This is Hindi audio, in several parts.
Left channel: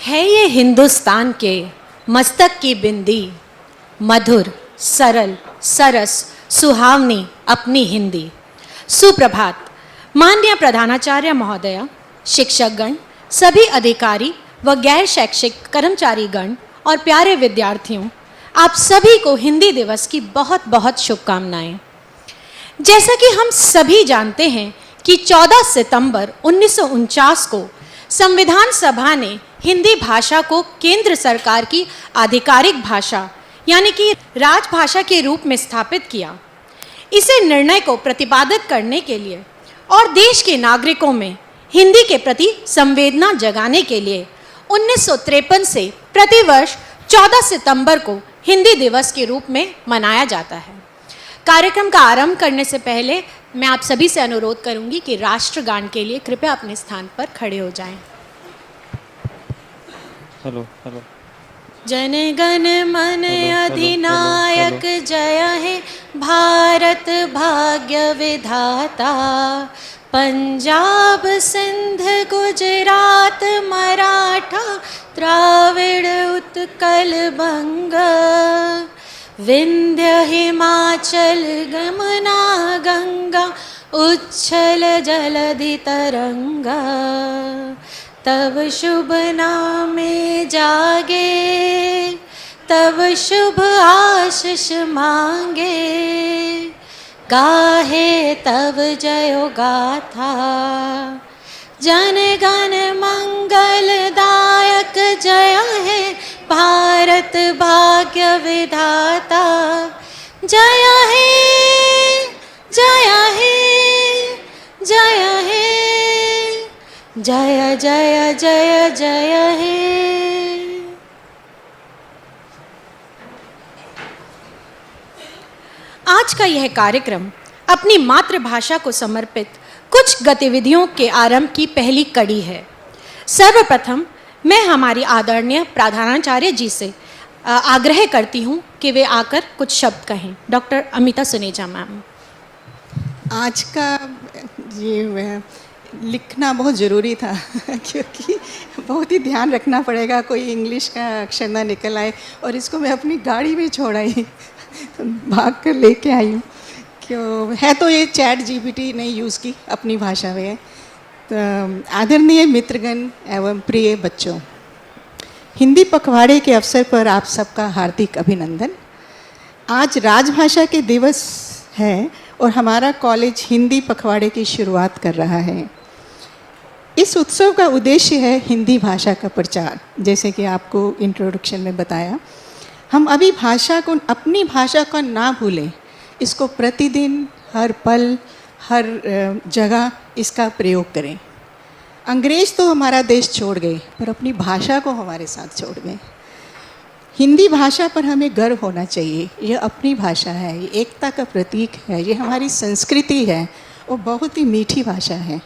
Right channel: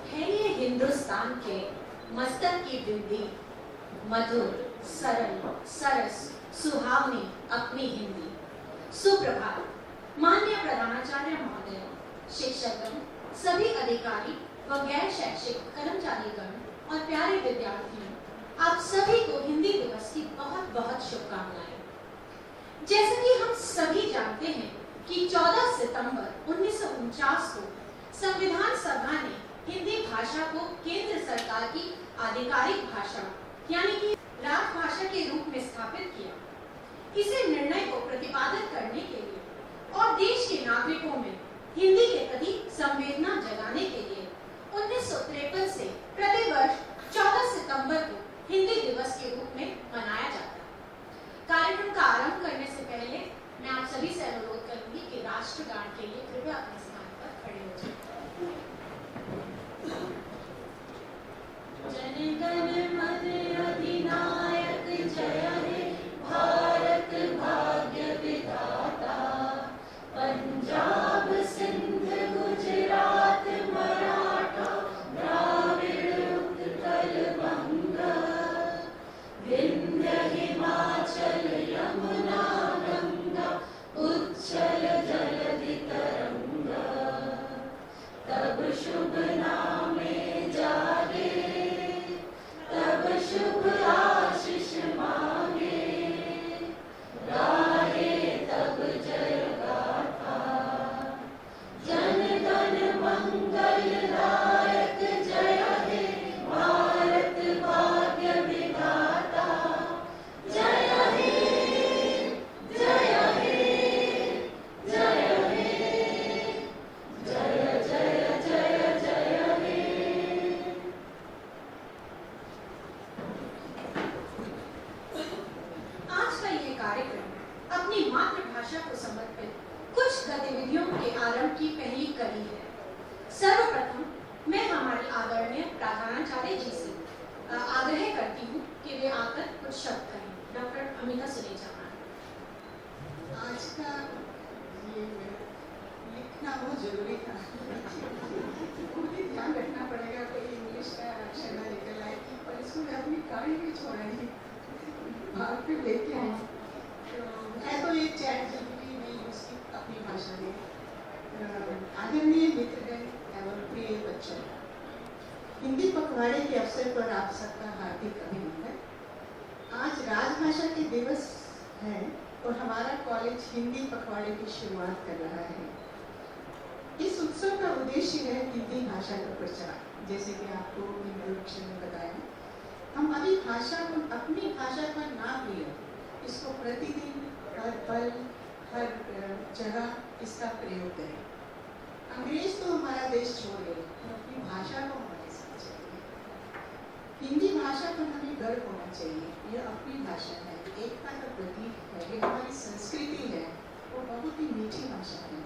है ये हिंदुस्तान के मस्तक की बिंदी, मधुर सरल सरस सुहावनी अपनी हिंदी। सुप्रभात माननीय प्रधानाचार्य महोदया, शिक्षकगण, सभी अधिकारी व गैर शैक्षिक कर्मचारीगण और प्यारे विद्यार्थियों, आप सभी को हिंदी दिवस की बहुत बहुत शुभकामनाएं। जैसा कि हम सभी जानते हैं कि 14 सितंबर 1949 को संविधान सभा ने हिंदी भाषा को केंद्र सरकार की आधिकारिक भाषा यानी कि राजभाषा के रूप में स्थापित किया। इसे निर्णय को प्रतिपादित करने के लिए और देश के नागरिकों में हिंदी के प्रति संवेदना जगाने के लिए 1953 से प्रतिवर्ष 14 सितंबर को हिंदी दिवस के रूप में मनाया जाता है। कार्यक्रम का आरंभ करने से पहले मैं आप सभी से अनुरोध करूंगी कि राष्ट्रगान के लिए कृपया अपने स्थान पर खड़े हो जाएं। Hello hello. जन गण मन अधिनायक जय हे भारत भाग्य विधाता, पंजाब सिंध गुजरात मराठा द्राविड़ उत्कल बंग, विंध्य हिमाचल गमना गंगा उच्छल जलधि तरंगा, तब शुभ नामे जागे तब शुभ आशीष मांगे, गाहे तब जयो गाथा, जन गण मंगलदायक जय हे भारत भाग्य विधाता, जय हे जय हे जय हे जय जय जय जय हे। आज का यह कार्यक्रम अपनी मातृभाषा को समर्पित कुछ गतिविधियों के आरंभ की पहली कड़ी है। सर्वप्रथम मैं हमारी आदरणीय प्रधानाचार्य जी से आग्रह करती हूँ कि वे आकर कुछ शब्द कहें। Doctor Amita Suneja ma'am. आज का ये लिखना बहुत ज़रूरी था क्योंकि बहुत ही ध्यान रखना पड़ेगा कोई इंग्लिश का अक्षर ना निकल आए, और इसको मैं अपनी गाड़ी में छोड़ आई भाग कर लेके आई हूँ। क्यों है तो ये चैट जीपीटी ने यूज़ की अपनी भाषा में। तो आदरणीय मित्रगण एवं प्रिय बच्चों, हिंदी पखवाड़े के अवसर पर आप सबका हार्दिक अभिनंदन। आज राजभाषा के दिवस है और हमारा कॉलेज हिंदी पखवाड़े की शुरुआत कर रहा है। इस उत्सव का उद्देश्य है हिंदी भाषा का प्रचार। जैसे कि आपको इंट्रोडक्शन में बताया, हम अभी भाषा को, अपनी भाषा को ना भूलें, इसको प्रतिदिन हर पल हर जगह इसका प्रयोग करें। अंग्रेज़ तो हमारा देश छोड़ गए पर अपनी भाषा को हमारे साथ छोड़ गए। हिंदी भाषा पर हमें गर्व होना चाहिए। ये अपनी भाषा है, ये एकता का प्रतीक है, ये हमारी संस्कृति है और बहुत ही मीठी भाषा है।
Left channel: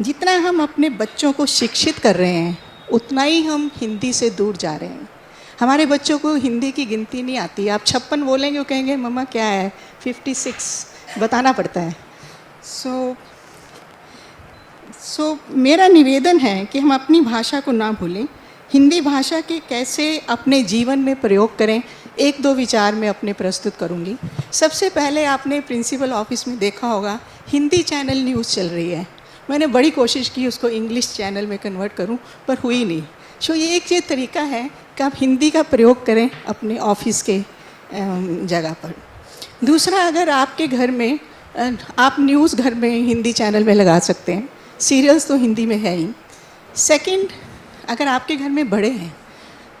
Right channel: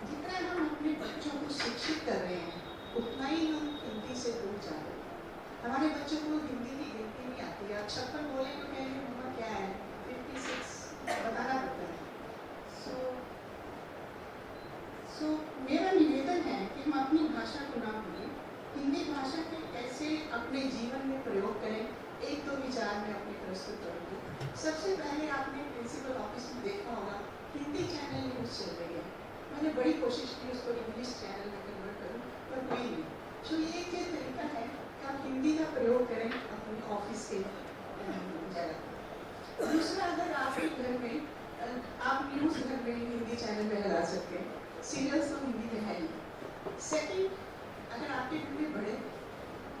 जितना हम अपने बच्चों को शिक्षित कर रहे हैं उतना ही हम हिंदी से दूर जा रहे हैं। हमारे बच्चों को हिंदी की गिनती नहीं आती। आप 56 बोलेंगे वो कहेंगे मम्मा क्या है, 56 बताना पड़ता है। सो मेरा निवेदन है कि हम अपनी भाषा को ना भूलें। हिंदी भाषा के कैसे अपने जीवन में प्रयोग करें, एक दो विचार मैं अपने प्रस्तुत करूंगी। सबसे पहले आपने प्रिंसिपल ऑफिस में देखा होगा हिंदी चैनल न्यूज़ चल रही है। मैंने बड़ी कोशिश की उसको इंग्लिश चैनल में कन्वर्ट करूं पर हुई नहीं। सो ये एक ये तरीका है कि आप हिंदी का प्रयोग करें अपने ऑफिस के जगह पर। दूसरा, अगर आपके घर में आप न्यूज़ घर में हिंदी चैनल में लगा सकते हैं, सीरियल्स तो हिंदी में है ही। सेकंड, अगर आपके घर में बड़े हैं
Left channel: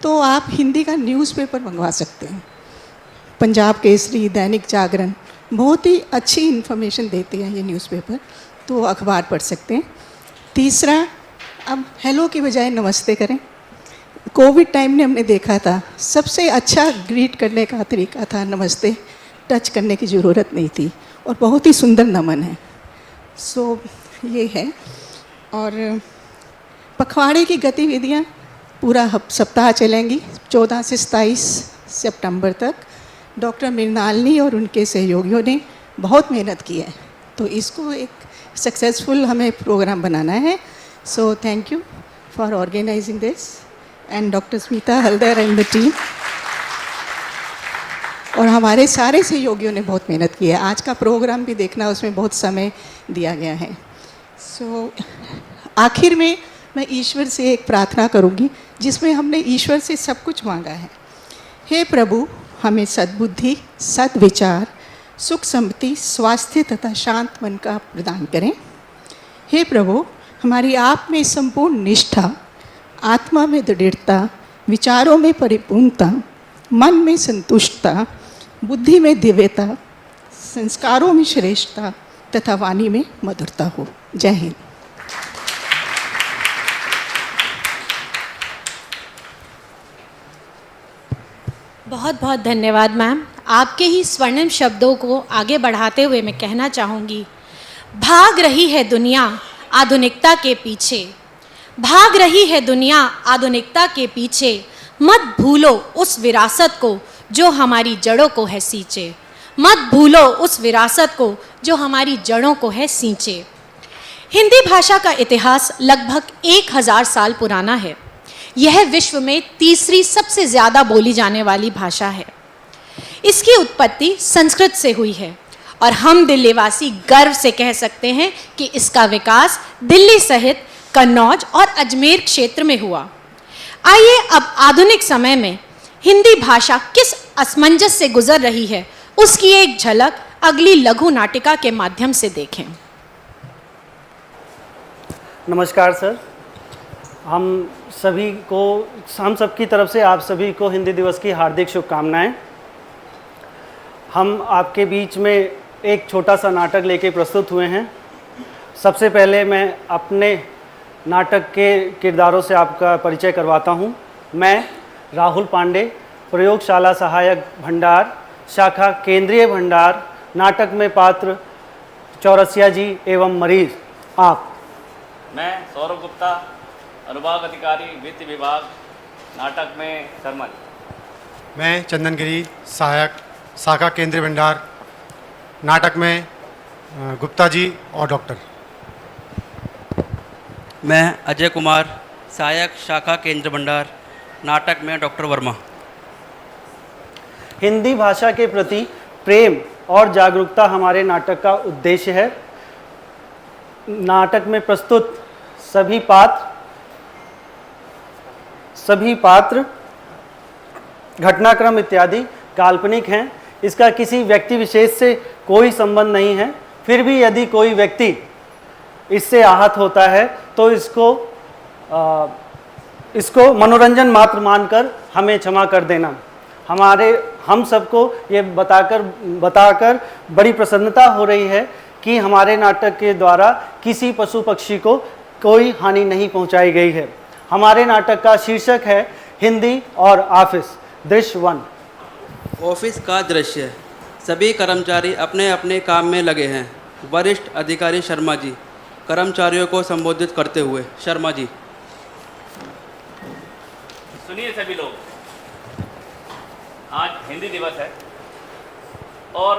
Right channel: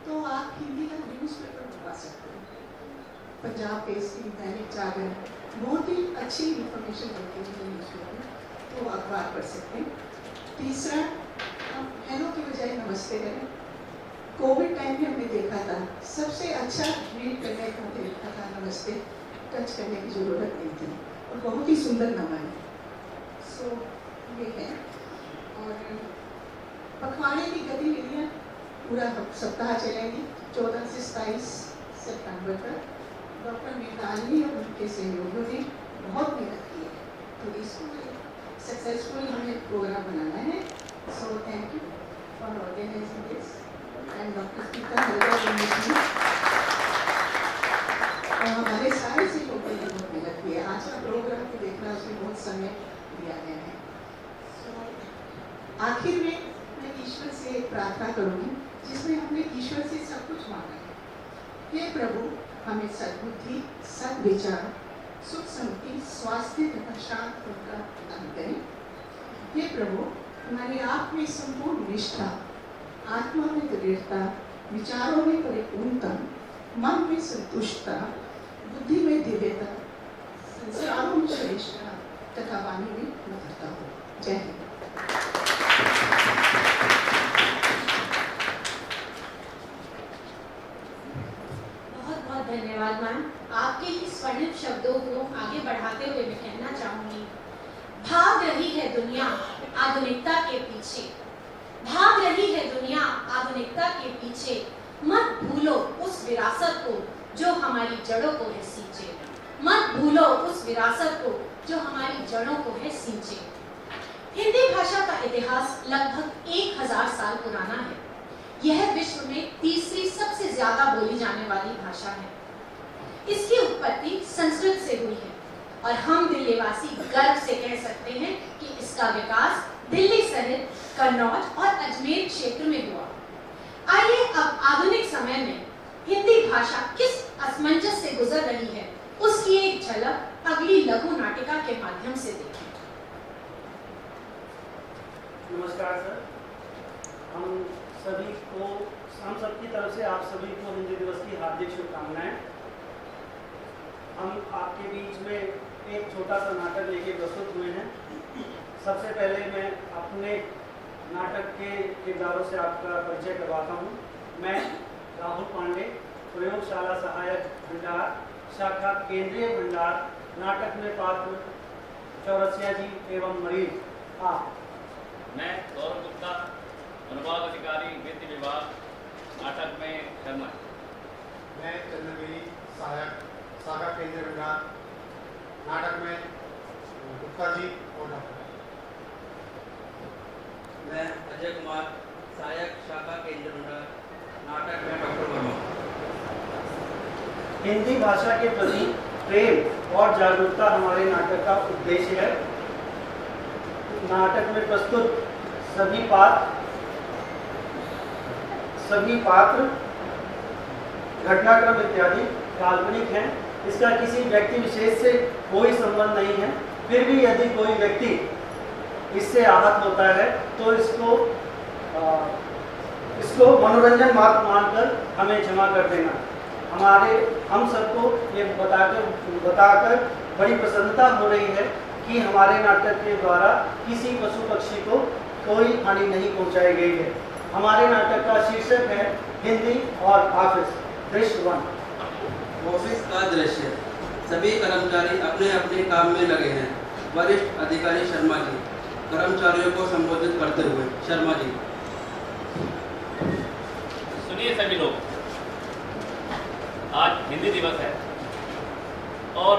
तो आप हिंदी का न्यूज़पेपर मंगवा सकते हैं। पंजाब केसरी, दैनिक जागरण बहुत ही अच्छी इन्फॉर्मेशन देते हैं ये न्यूज़पेपर, तो अखबार पढ़ सकते हैं। तीसरा, अब हेलो की बजाय नमस्ते करें। कोविड टाइम ने हमने देखा था सबसे अच्छा ग्रीट करने का तरीका था नमस्ते। टच करने की ज़रूरत नहीं थी और बहुत ही सुंदर नमन है। सो ये है। और पखवाड़े की गतिविधियाँ पूरा सप्ताह चलेंगी 14 से 27 सितंबर तक। डॉक्टर मृणालिनी और उनके सहयोगियों ने बहुत मेहनत की है, तो इसको एक सक्सेसफुल हमें प्रोग्राम बनाना है। So thank you for organizing this. And doctor Smita Haldar and the team, और हमारे सारे सहयोगियों ने बहुत मेहनत की है। आज का प्रोग्राम भी देखना, उसमें बहुत समय दिया गया है। आखिर में मैं ईश्वर से एक प्रार्थना करूंगी जिसमें हमने ईश्वर से सब कुछ मांगा है। हे प्रभु, हमें सद्बुद्धि, सद्विचार, सुख समृद्धि, स्वास्थ्य तथा शांत मन का प्रदान करें। हे प्रभु, हमारी आप में संपूर्ण निष्ठा, आत्मा में दृढ़ता, विचारों में परिपूर्णता, मन में संतुष्टता, बुद्धि में दिव्यता, संस्कारों में श्रेष्ठता तथा वाणी में मधुरता हो। जय हिंद। बहुत बहुत धन्यवाद मैम। आपके ही स्वर्णिम शब्दों को आगे बढ़ाते हुए मैं कहना चाहूँगी, भाग रही है दुनिया आधुनिकता के पीछे, भाग रही है दुनिया आधुनिकता के पीछे, मत भूलो उस विरासत को जो हमारी जड़ों को है सींचे, मत भूलो उस विरासत को जो हमारी जड़ों को है सींचे। हिंदी भाषा का इतिहास लगभग 1000 साल पुराना है। यह विश्व में तीसरी सबसे ज़्यादा बोली जाने वाली भाषा है। इसकी उत्पत्ति संस्कृत से हुई है और हम दिल्लीवासी गर्व से कह सकते हैं कि इसका विकास दिल्ली सहित कन्नौज और अजमेर क्षेत्र में हुआ। आइए अब आधुनिक समय में हिंदी भाषा किस असमंजस से गुजर रही है उसकी एक झलक अगली लघु नाटिका के माध्यम से देखें। नमस्कार सर, हम सबकी तरफ से आप सभी को हिंदी दिवस की हार्दिक शुभकामनाएं। हम आपके बीच में एक छोटा सा नाटक लेके प्रस्तुत हुए हैं। सबसे पहले मैं अपने नाटक के किरदारों से आपका परिचय करवाता हूं। मैं राहुल पांडे, प्रयोगशाला सहायक भंडार, शाखा केंद्रीय भंडार, नाटक में पात्र चौरसिया जी एवं मरीज। आप? मैं सौरभ गुप्ता, अनुभाग अधिकारी वित्त विभाग, नाटक में शर्मल। मैं चंदन गिरी, सहायक शाखा केंद्रीय भंडार, नाटक में गुप्ता जी और डॉक्टर। मैं अजय कुमार, सहायक शाखा केंद्र भंडार, नाटक में डॉक्टर वर्मा। हिंदी भाषा के प्रति प्रेम और जागरूकता हमारे नाटक का उद्देश्य है। नाटक में प्रस्तुत सभी पात्र घटनाक्रम इत्यादि काल्पनिक हैं। इसका किसी व्यक्ति विशेष से कोई संबंध नहीं है। फिर भी यदि कोई व्यक्ति इससे आहत होता है तो इसको मनोरंजन मात्र मानकर हमें क्षमा कर देना। हम सबको ये बताकर बड़ी प्रसन्नता हो रही है कि हमारे नाटक के द्वारा किसी पशु पक्षी को कोई हानि नहीं पहुंचाई गई है। हमारे नाटक का शीर्षक है हिंदी और ऑफिस, दृश्य 1। ऑफिस का दृश्य। सभी कर्मचारी अपने अपने काम में लगे हैं। वरिष्ठ अधिकारी शर्मा जी कर्मचारियों को संबोधित करते हुए। शर्मा जी। सुनिए सभी लोग, आज हिंदी दिवस है और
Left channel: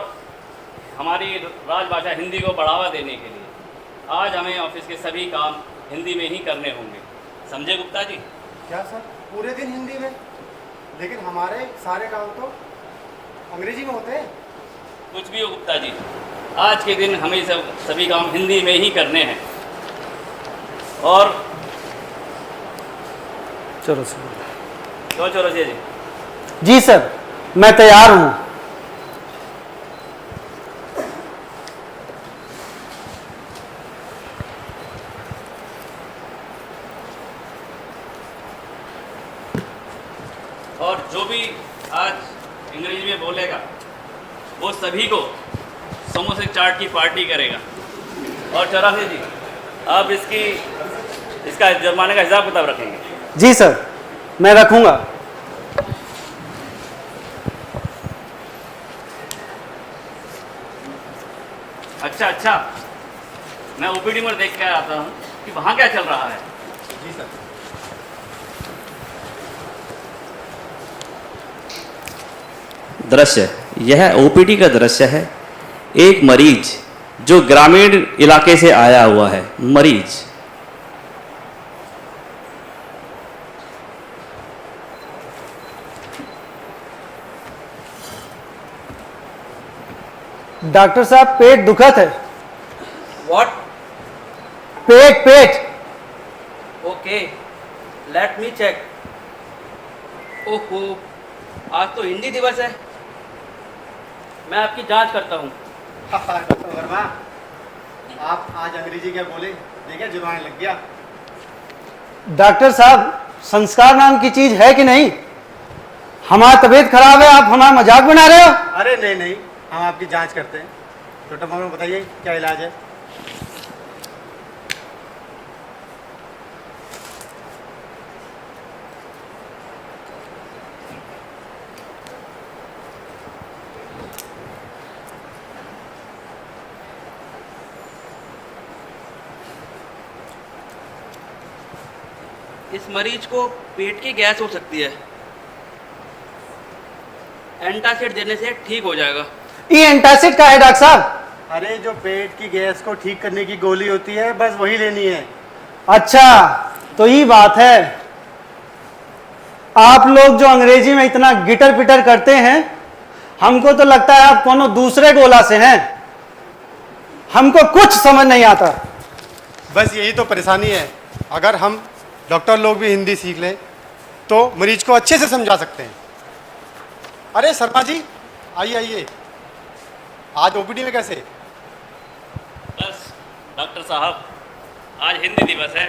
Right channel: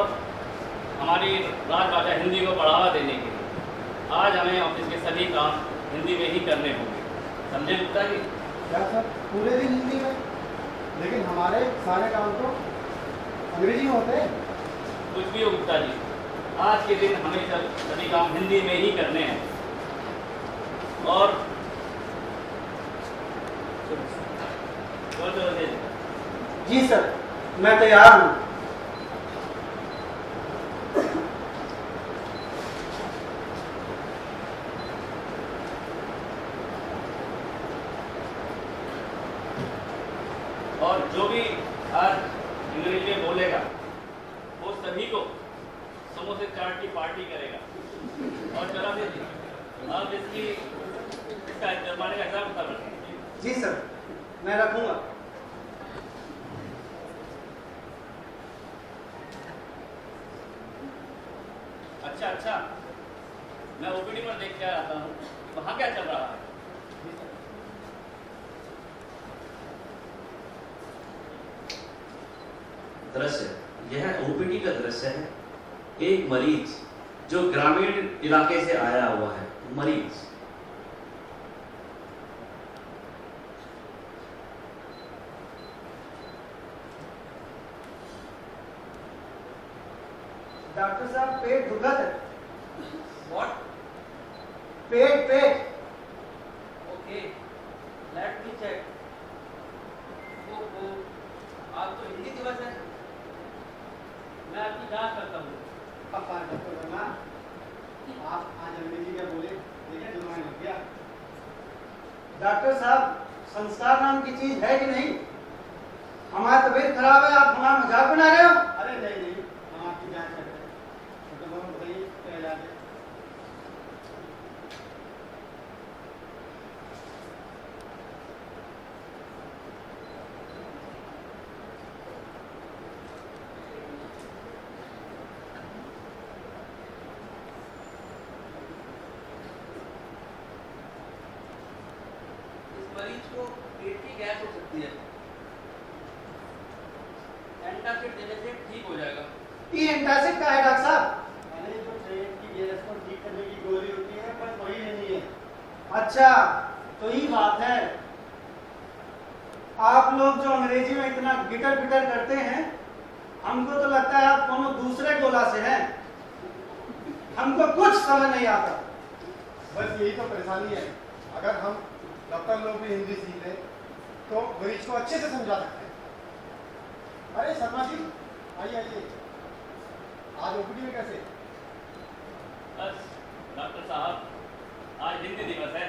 हमारी राजभाषा हिंदी को बढ़ावा देने के लिए आज हमें ऑफिस के सभी काम हिंदी में ही करने होंगे। समझे गुप्ता जी? क्या सर, पूरे दिन हिंदी में? लेकिन हमारे सारे काम तो अंग्रेजी में होते हैं। कुछ भी हो गुप्ता जी, आज के दिन हमें सभी काम हिंदी में ही करने हैं। और चौरसिया जी। जी सर, मैं तैयार हूँ। और जो भी आज अंग्रेजी में बोलेगा वो सभी को समोसे चाट की पार्टी करेगा। और चौरासी जी, आप इसका जुर्माने का हिसाब किताब रखेंगे? जी सर, मैं रखूँगा। अच्छा, मैं ओपीडी में देख के आता हूँ कि वहाँ क्या चल रहा है। जी सर। दृश्य, यह ओपीडी का दृश्य है। एक मरीज जो ग्रामीण इलाके से आया हुआ है। मरीज। डॉक्टर साहब पेट दुखत है। व्हाट? पेट पेट। Okay, let me check. ओहो, आज तो हिंदी दिवस है। मैं आपकी जांच करता हूँ। डॉक्टर वर्मा, आप आज अंग्रेजी क्या बोले? देखिए जुर्माना लग गया। डॉक्टर साहब, संस्कार नाम की चीज है कि नहीं? हमारी तबीयत खराब है, आप हमारा मजाक बना रहे हो? अरे नहीं नहीं, हम आपकी जांच करते हैं। डॉक्टर वर्मा बताइए क्या इलाज है? इस मरीज को पेट की गैस हो सकती है। एंटासिड देने से ठीक हो जाएगा। ये एंटासिड का है डॉक्टर साहब? अरे जो पेट की गैस को ठीक करने की गोली होती है, बस वही लेनी है। अच्छा, तो ये बात है। आप लोग जो अंग्रेजी में इतना गिटर पिटर करते हैं, हमको तो लगता है आप कोनो दूसरे गोला से हैं। हमको कुछ समझ नहीं आता। बस यही तो परेशानी है। अगर हम डॉक्टर लोग भी हिंदी सीख लें तो मरीज को अच्छे से समझा सकते हैं। अरे शर्मा जी, आइए आइए। आज ओपीडी में कैसे? बस डॉक्टर साहब, आज हिंदी दिवस है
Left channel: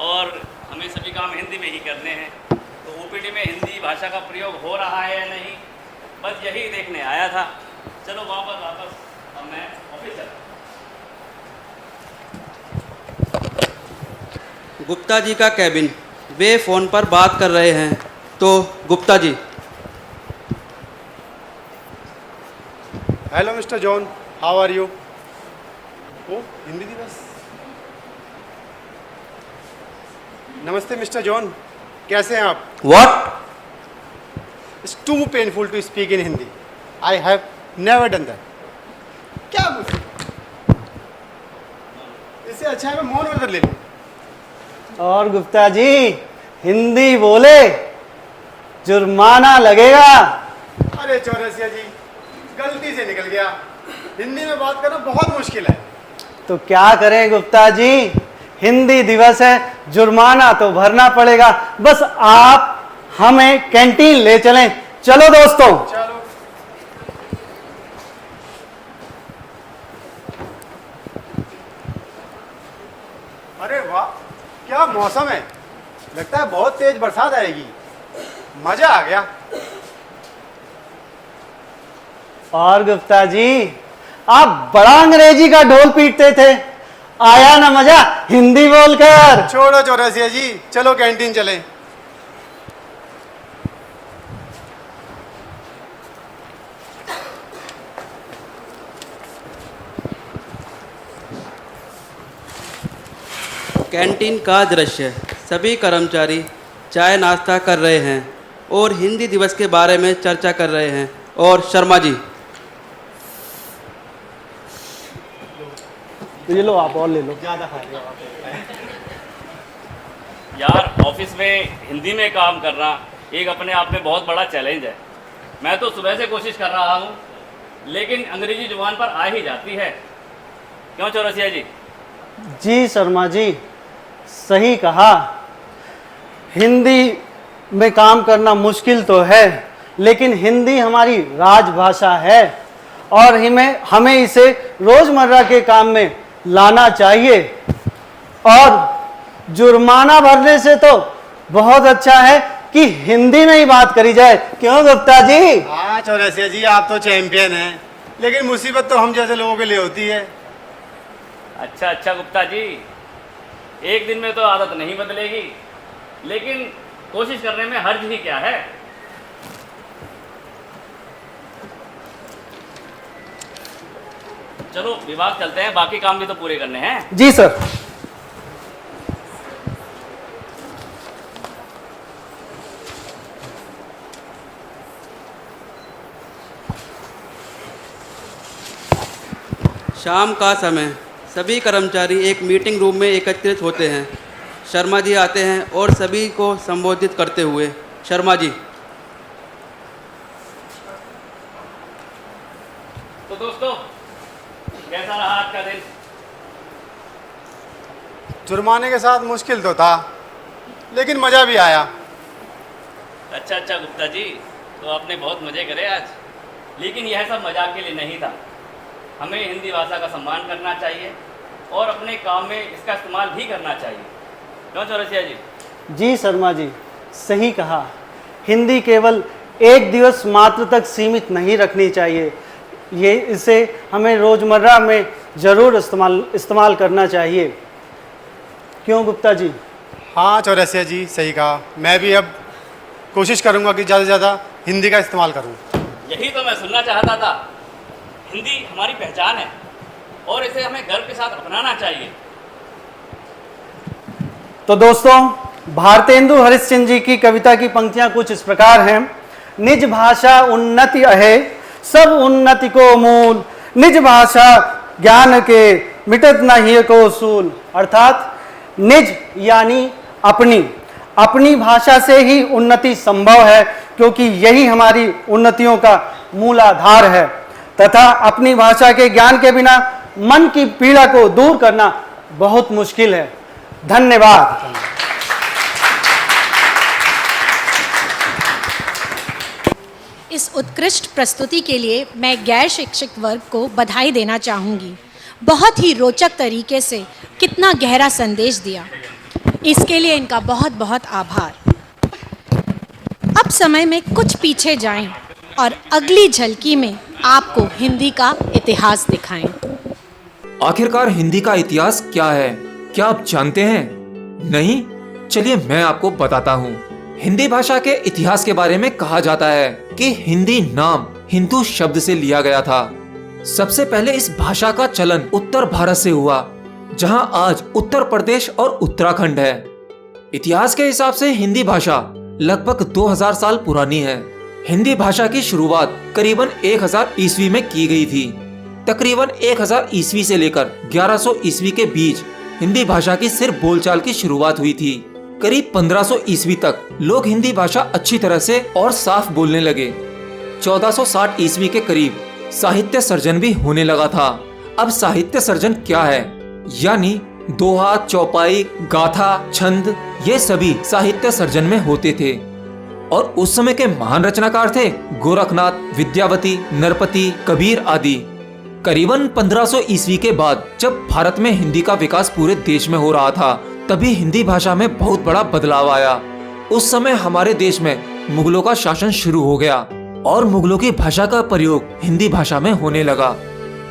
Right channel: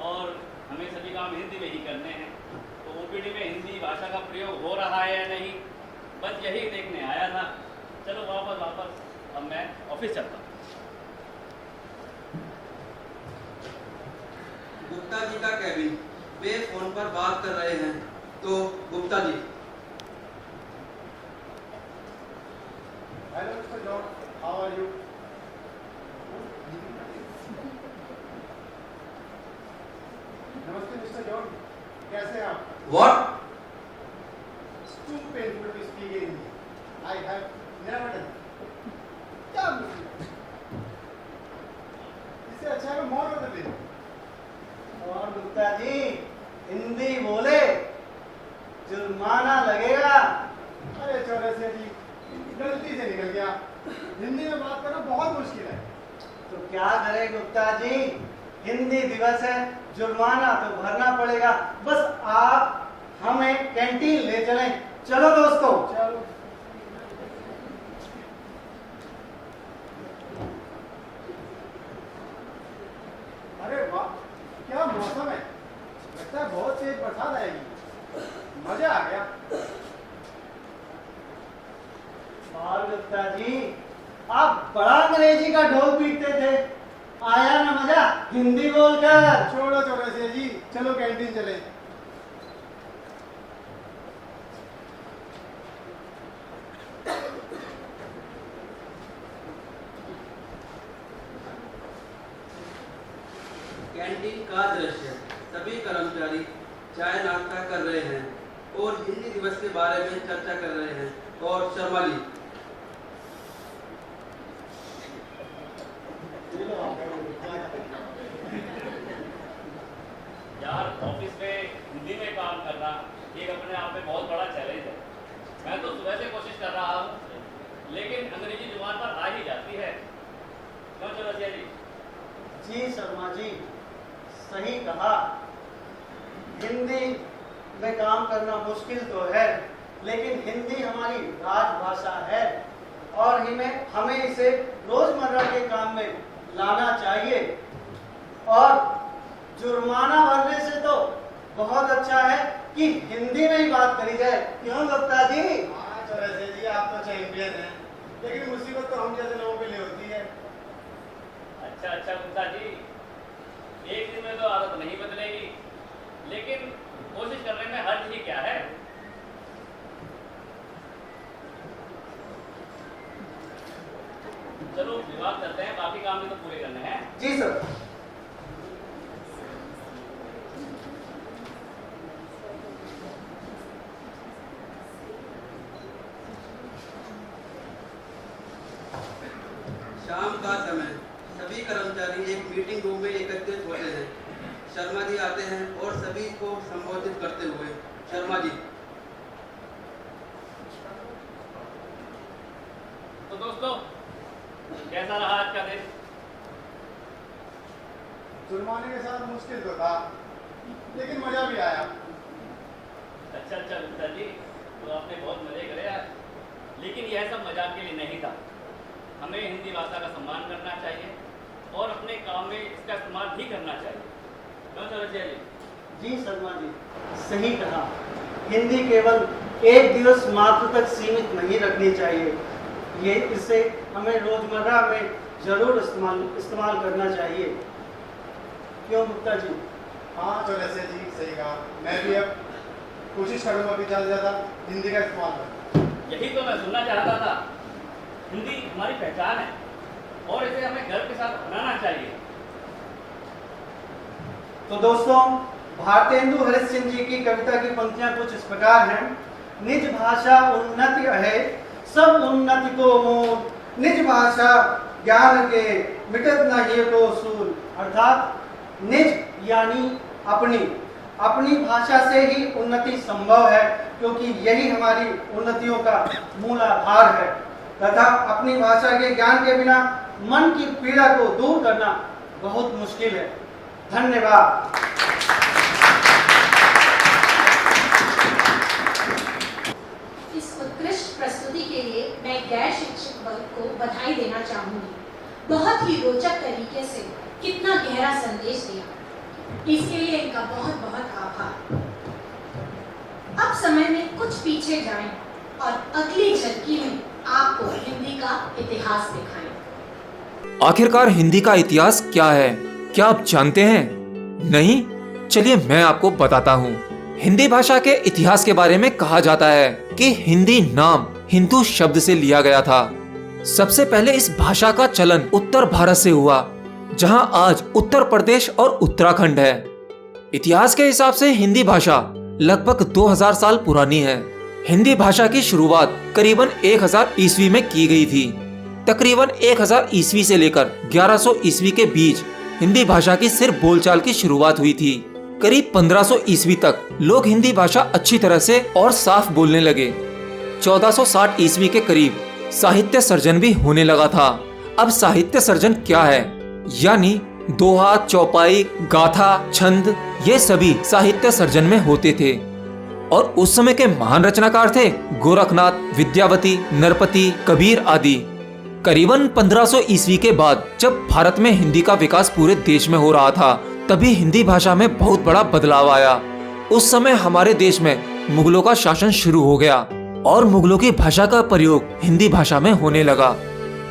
और हमें सभी काम हिंदी में ही करने हैं, तो ओपीडी में हिंदी भाषा का प्रयोग हो रहा है या नहीं, बस यही देखने आया था। चलो वापस अब मैं ऑफिस चलता हूँ। गुप्ता जी का कैबिन। वे फ़ोन पर बात कर रहे हैं। तो Gupta ji. Hello mister John, how are you? ओ हिंदी दिवस। नमस्ते मिस्टर जॉन, कैसे हैं आप? What? It's too painful to speak in Hindi. I have never done that. क्या? इससे अच्छा है मैं मौन व्रत ले लूं। और गुप्ता जी, हिंदी बोले, जुर्माना लगेगा। अरे चौरसिया जी, गलती से निकल गया। हिंदी में बात करना बहुत मुश्किल है। तो क्या करें गुप्ता जी, हिंदी दिवस है, जुर्माना तो भरना पड़ेगा। बस आप हमें कैंटीन ले चलें। चलो दोस्तों। चलो। अरे वाह, क्या मौसम है। लगता है बहुत तेज बरसात आएगी। मजा आ गया। और गुप्ता जी, आप बड़ा अंग्रेजी का ढोल पीटते थे, आया ना मजा हिंदी बोलकर? छोड़ो चौरसिया जी, चलो कैंटीन चलें। कैंटीन का दृश्य। सभी कर्मचारी चाय नाश्ता कर रहे हैं और हिंदी दिवस के बारे में चर्चा कर रहे हैं। और शर्मा जी। तो ये लो, आप और ले लो। ज़्यादा खा रहे हो आप। यार, ऑफिस में हिंदी में काम करना एक अपने आप में बहुत बड़ा चैलेंज है। मैं तो सुबह से कोशिश कर रहा हूँ, लेकिन अंग्रेजी जुबान पर आ ही जाती है। क्यों चौरसिया जी? जी शर्मा जी, सही कहा। हिंदी में काम करना मुश्किल तो है, लेकिन हिंदी हमारी राजभाषा है और हमें इसे रोज़मर्रा के काम में लाना चाहिए। और जुर्माना भरने से तो बहुत अच्छा है कि हिंदी में ही बात करी जाए। क्यों गुप्ता जी? हाँ चौरसिया जी, आप तो चैंपियन हैं, लेकिन मुसीबत तो हम जैसे लोगों के लिए होती है। अच्छा गुप्ता जी, एक दिन में तो आदत नहीं बदलेगी, लेकिन कोशिश करने में हर्ज ही क्या है। चलो विभाग चलते हैं, बाकी काम भी तो पूरे करने हैं। जी सर। शाम का समय। सभी कर्मचारी एक मीटिंग रूम में एकत्रित होते हैं। शर्मा जी आते हैं और सभी को संबोधित करते हुए। शर्मा जी। तो दोस्तों, जुर्माने के साथ मुश्किल तो था, लेकिन मज़ा भी आया। अच्छा अच्छा गुप्ता जी, तो आपने बहुत मज़े करे आज, लेकिन यह सब मजाक के लिए नहीं था। हमें हिंदी भाषा का सम्मान करना चाहिए और अपने काम में इसका इस्तेमाल भी करना चाहिए। क्यों चौरसिया जी? जी शर्मा जी, सही कहा। हिंदी केवल एक दिवस मात्र तक सीमित नहीं रखनी चाहिए, ये इसे हमें रोज़मर्रा में ज़रूर इस्तेमाल करना चाहिए। क्यों गुप्ता जी? हाँ चौरसिया जी, सही कहा। मैं भी अब कोशिश करूँगा कि ज़्यादा से ज़्यादा हिंदी का इस्तेमाल करूँ। यही तो मैं सुनना चाहता था। हिंदी हमारी पहचान है और इसे हमें गर्व के साथ अपनाना चाहिए। तो दोस्तों, भारतेंदु हरिश्चंद्र जी की कविता की पंक्तियां कुछ इस प्रकार हैं। निज भाषा उन्नति अहे, सब उन्नति को मूल, निज भाषा ज्ञान के मिटत नहीं को सूल। अर्थात निज यानी अपनी भाषा से ही उन्नति संभव है, क्योंकि यही हमारी उन्नतियों का मूलाधार है, तथा अपनी भाषा के ज्ञान के बिना मन की पीड़ा को दूर करना बहुत मुश्किल है। धन्यवाद। इस उत्कृष्ट प्रस्तुति के लिए मैं गैर शिक्षक वर्ग को बधाई देना चाहूँगी। बहुत ही रोचक तरीके से कितना गहरा संदेश दिया, इसके लिए इनका बहुत बहुत आभार। अब समय में कुछ पीछे जाएं और अगली झलकी में आपको हिंदी का इतिहास दिखाएं। आखिरकार हिंदी का इतिहास क्या है, क्या आप जानते हैं? नहीं? चलिए मैं आपको बताता हूँ। हिंदी भाषा के इतिहास के बारे में कहा जाता है कि हिंदी नाम हिंदू शब्द से लिया गया था। सबसे पहले इस भाषा का चलन उत्तर भारत से हुआ, जहां आज उत्तर प्रदेश और उत्तराखंड है। इतिहास के हिसाब से हिंदी भाषा लगभग 2000 साल पुरानी है। हिंदी भाषा की शुरुआत करीबन 1000 ईस्वी में की गई थी। तकरीबन 1000 ईस्वी से लेकर 1100 ईस्वी के बीच हिंदी भाषा की सिर्फ बोलचाल की शुरुआत हुई थी। करीब 1500 ईस्वी तक लोग हिंदी भाषा अच्छी तरह से और साफ बोलने लगे। 1460 ईस्वी के करीब साहित्य सर्जन भी होने लगा था। अब साहित्य सर्जन क्या है? यानी दोहा, चौपाई, गाथा, छंद, ये सभी साहित्य सर्जन में होते थे। और उस समय के महान रचनाकार थे गोरखनाथ, विद्यावती, नरपति, कबीर आदि। करीबन 1500 ईस्वी के बाद जब भारत में हिंदी का विकास पूरे देश में हो रहा था, तभी हिंदी भाषा में बहुत बड़ा बदलाव आया। उस समय हमारे देश में मुगलों का शासन शुरू हो गया और मुगलों की भाषा का प्रयोग हिंदी भाषा में होने लगा।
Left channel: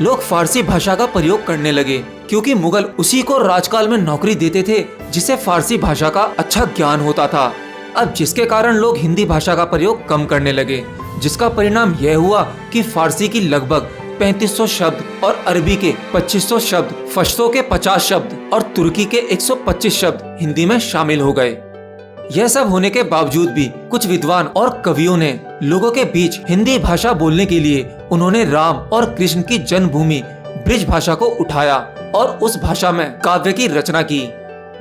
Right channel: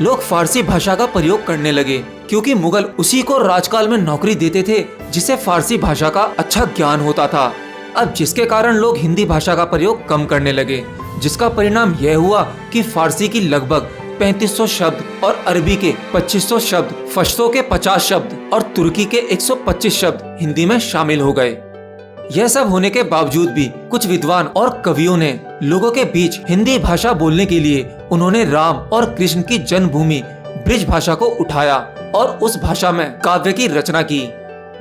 लोग फारसी भाषा का प्रयोग करने लगे, क्योंकि मुगल उसी को राजकाल में नौकरी देते थे जिसे फारसी भाषा का अच्छा ज्ञान होता था। अब जिसके कारण लोग हिंदी भाषा का प्रयोग कम करने लगे, जिसका परिणाम यह हुआ कि फारसी की लगभग 3500 शब्द और अरबी के 2500 शब्द, पश्तो के 50 शब्द और तुर्की के 125 शब्द हिंदी में शामिल हो गए। यह सब होने के बावजूद भी कुछ विद्वान और कवियों ने लोगों के बीच हिंदी भाषा बोलने के लिए उन्होंने राम और कृष्ण की जन्मभूमि ब्रिज भाषा को उठाया और उस भाषा में काव्य की रचना की,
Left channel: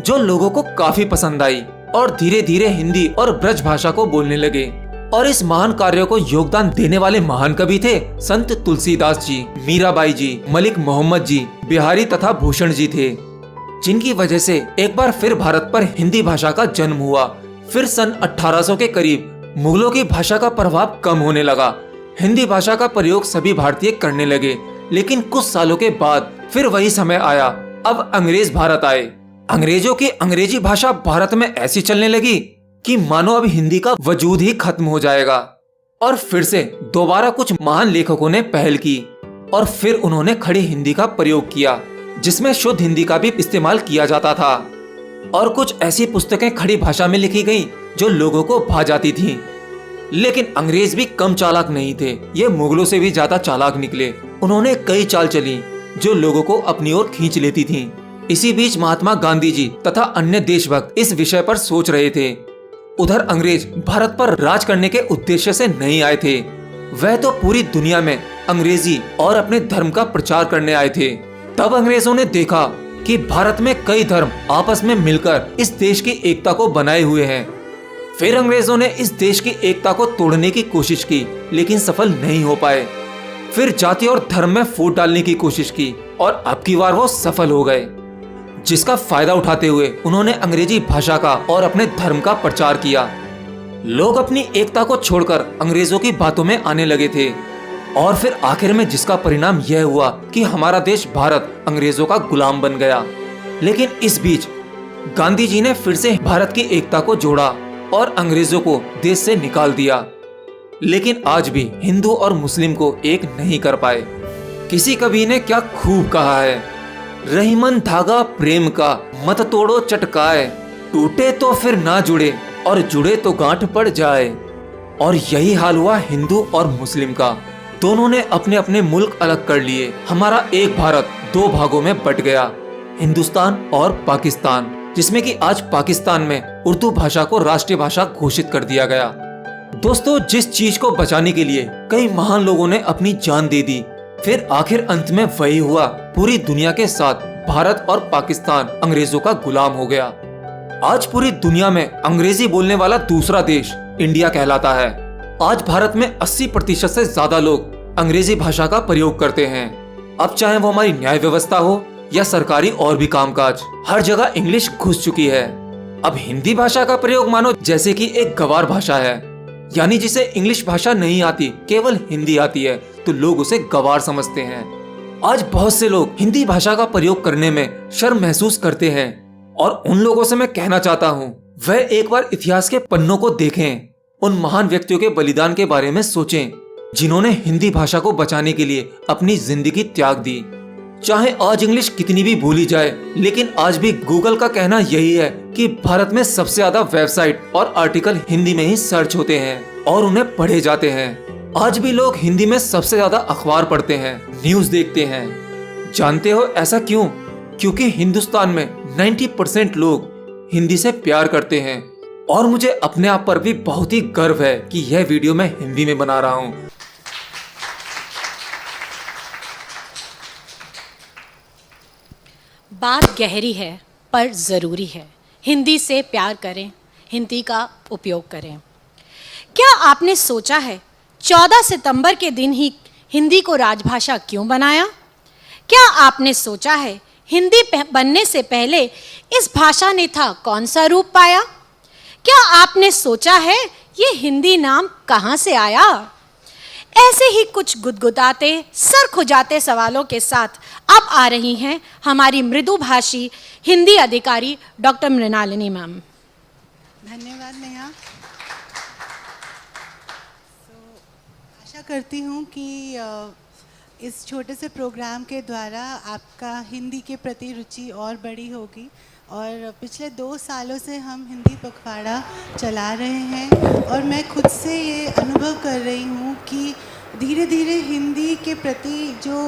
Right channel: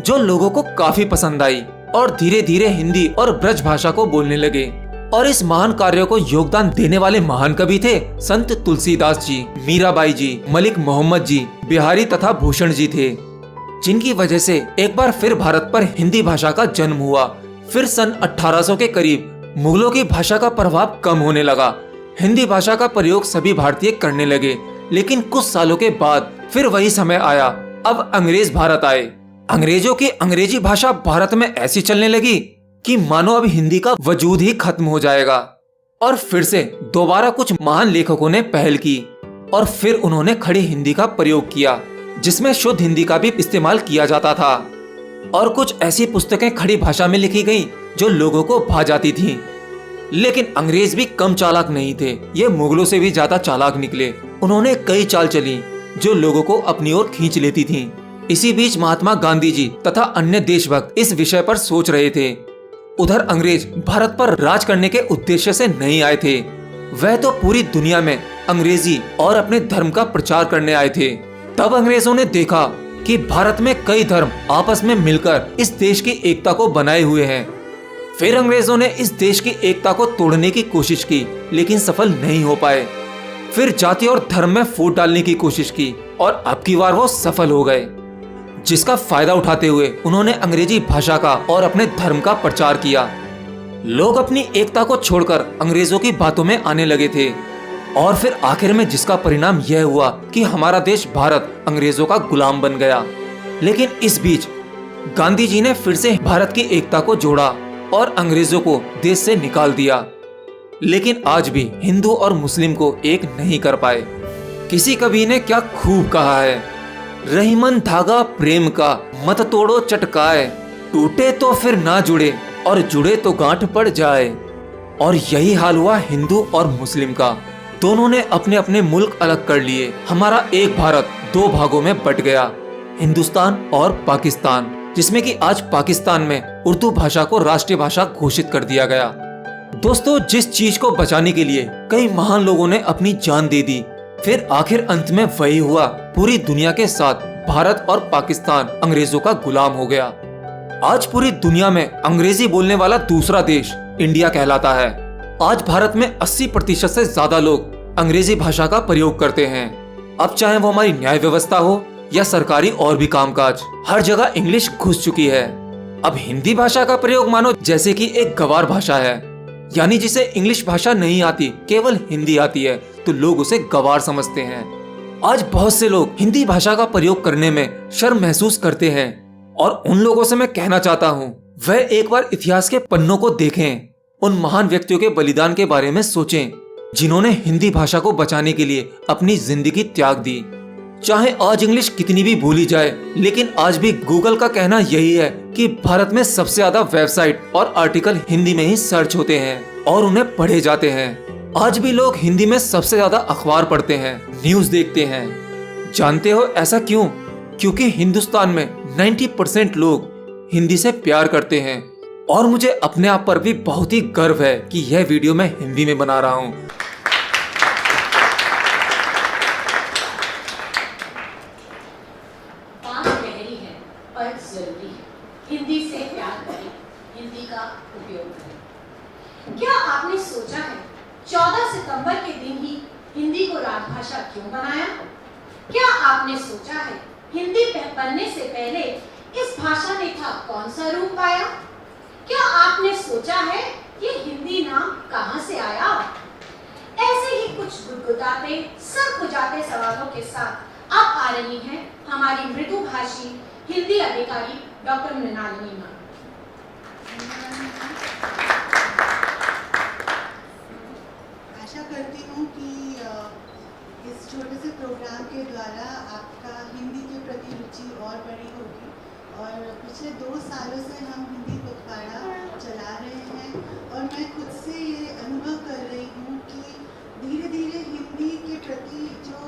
जो लोगों को काफी पसंद आई और धीरे धीरे हिंदी और ब्रज भाषा को बोलने लगे। और इस महान कार्य को योगदान देने वाले महान कवि थे संत तुलसीदास जी, मीराबाई जी, मलिक मोहम्मद जी, बिहारी तथा भूषण जी थे, जिनकी वजह से एक बार फिर भारत पर हिंदी भाषा का जन्म हुआ। फिर सन 1800 के करीब मुगलों की भाषा का प्रभाव कम होने लगा। हिंदी भाषा का प्रयोग सभी भारतीय करने लगे, लेकिन कुछ सालों के बाद फिर वही समय आया। अब अंग्रेज भारत आए। अंग्रेजों की अंग्रेजी भाषा भारत में ऐसी चलने लगी कि मानो अब हिंदी का वजूद ही खत्म हो जाएगा। और फिर से दोबारा कुछ महान लेखकों ने पहल की और फिर उन्होंने खड़ी हिंदी का प्रयोग किया, जिसमें शुद्ध हिंदी का भी इस्तेमाल किया जाता था। और कुछ ऐसी पुस्तकें खड़ी भाषा में लिखी गईं जो लोगों को भा जाती थीं। लेकिन अंग्रेज भी कम चालाक नहीं थे, ये मुगलों से भी ज्यादा चालाक निकले। उन्होंने कई चाल चली जो लोगों को अपनी ओर खींच लेती थीं। इसी बीच महात्मा गांधी जी तथा अन्य देशभक्त इस विषय पर सोच रहे थे। उधर अंग्रेज भारत पर राज करने के उद्देश्य से नहीं आए थे, वह तो पूरी दुनिया में अंग्रेजी और अपने धर्म का प्रचार करने आए थे। तब अंग्रेजों ने देखा कि भारत में कई धर्म आपस में मिलकर इस देश की एकता को बनाए हुए हैं। फिर अंग्रेजों ने इस देश की एकता को तोड़ने की कोशिश की, लेकिन सफल नहीं हो पाए। फिर जाति और धर्म में फूट डालने की कोशिश की और अब की बार वो सफल हो गए। जिसका फायदा उठाते हुए उन्होंने अंग्रेजी भाषा का और अपने धर्म का प्रचार किया। लोग अपनी एकता को छोड़कर अंग्रेजों की बातों में आने लगे थे और फिर आखिर में जिसका परिणाम यह हुआ कि हमारा देश भारत अंग्रेजों का गुलाम बन गया। लेकिन इस बीच गांधी जी ने फिर से भारत की एकता को जोड़ा और अंग्रेजों को देश से निकाल दिया। लेकिन आज भी हिंदू और मुस्लिम को एक नहीं कर पाए। किसी कवि ने क्या खूब कहा है, रहीमन धागा प्रेम का मत तोड़ो चटकाए, टूटे तो फिर ना जुड़े और जुड़े तो गांठ पड़ जाए। और यही हाल हुआ हिंदू और मुस्लिम का। दोनों ने अपने अपने मुल्क अलग कर लिए। हमारा एक भारत दो भागों में बट गया, हिंदुस्तान और पाकिस्तान, जिसमें कि आज पाकिस्तान में उर्दू भाषा को राष्ट्रीय भाषा घोषित कर दिया गया। दोस्तों, जिस चीज को बचाने के लिए कई महान लोगों ने अपनी जान दे दी, फिर आखिर अंत में वही हुआ। पूरी दुनिया के साथ भारत और पाकिस्तान अंग्रेजों का गुलाम हो गया। आज पूरी दुनिया में अंग्रेजी बोलने वाला दूसरा देश इंडिया कहलाता है। आज भारत में 80% से ज्यादा लोग अंग्रेजी भाषा का प्रयोग करते हैं। अब चाहे वो हमारी न्याय व्यवस्था हो या सरकारी और भी कामकाज, हर जगह इंग्लिश घुस चुकी है। अब हिंदी भाषा का प्रयोग मानो जैसे कि एक गवार भाषा है, यानी जिसे इंग्लिश भाषा नहीं आती, केवल हिंदी आती है, तो लोग उसे गवार समझते हैं। आज बहुत से लोग हिंदी भाषा का प्रयोग करने में शर्म महसूस करते हैं और उन लोगों से मैं कहना चाहता हूँ, वह एक बार इतिहास के पन्नों को देखें, उन महान व्यक्तियों के बलिदान के बारे में सोचें, जिन्होंने हिंदी भाषा को बचाने के लिए अपनी जिंदगी त्याग दी। चाहे आज इंग्लिश कितनी भी भूली जाए, लेकिन आज भी गूगल का कहना यही है कि भारत में सबसे ज्यादा वेबसाइट और आर्टिकल हिंदी में ही सर्च होते हैं और उन्हें पढ़े जाते हैं। आज भी लोग हिंदी में सबसे ज्यादा अखबार पढ़ते हैं, न्यूज देखते हैं। जानते हो ऐसा क्यों? क्योंकि हिंदुस्तान में 90% लोग हिंदी से प्यार करते हैं। और मुझे अपने आप पर भी बहुत ही गर्व है कि यह वीडियो मैं हिंदी में बना रहा हूँ। बात गहरी है पर ज़रूरी है। हिंदी से प्यार करें, हिंदी का उपयोग करें। क्या आपने सोचा है 14 सितंबर के दिन ही हिंदी को राजभाषा क्यों बनाया? क्या आपने सोचा है हिंदी बनने से पहले इस भाषा ने था कौन सा रूप पाया? क्या आपने सोचा है ये हिंदी नाम कहाँ से आया? ऐसे ही कुछ गुदगुदाते, सर खुजाते सवालों के साथ अब आ रही हैं हमारी मृदुभाषी हिंदी अधिकारी डॉक्टर मृणालिनी मैम। धन्यवाद मैम। आशा करती हूँ कि इस छोटे से प्रोग्राम के द्वारा आपका हिंदी के प्रति रुचि और बड़ी होगी। और पिछले 2 सालों से हम हिंदी पखवाड़ा चला रहे हैं और मैं खुद से ये अनुभव कर रही हूँ कि धीरे धीरे हिंदी के प्रति जो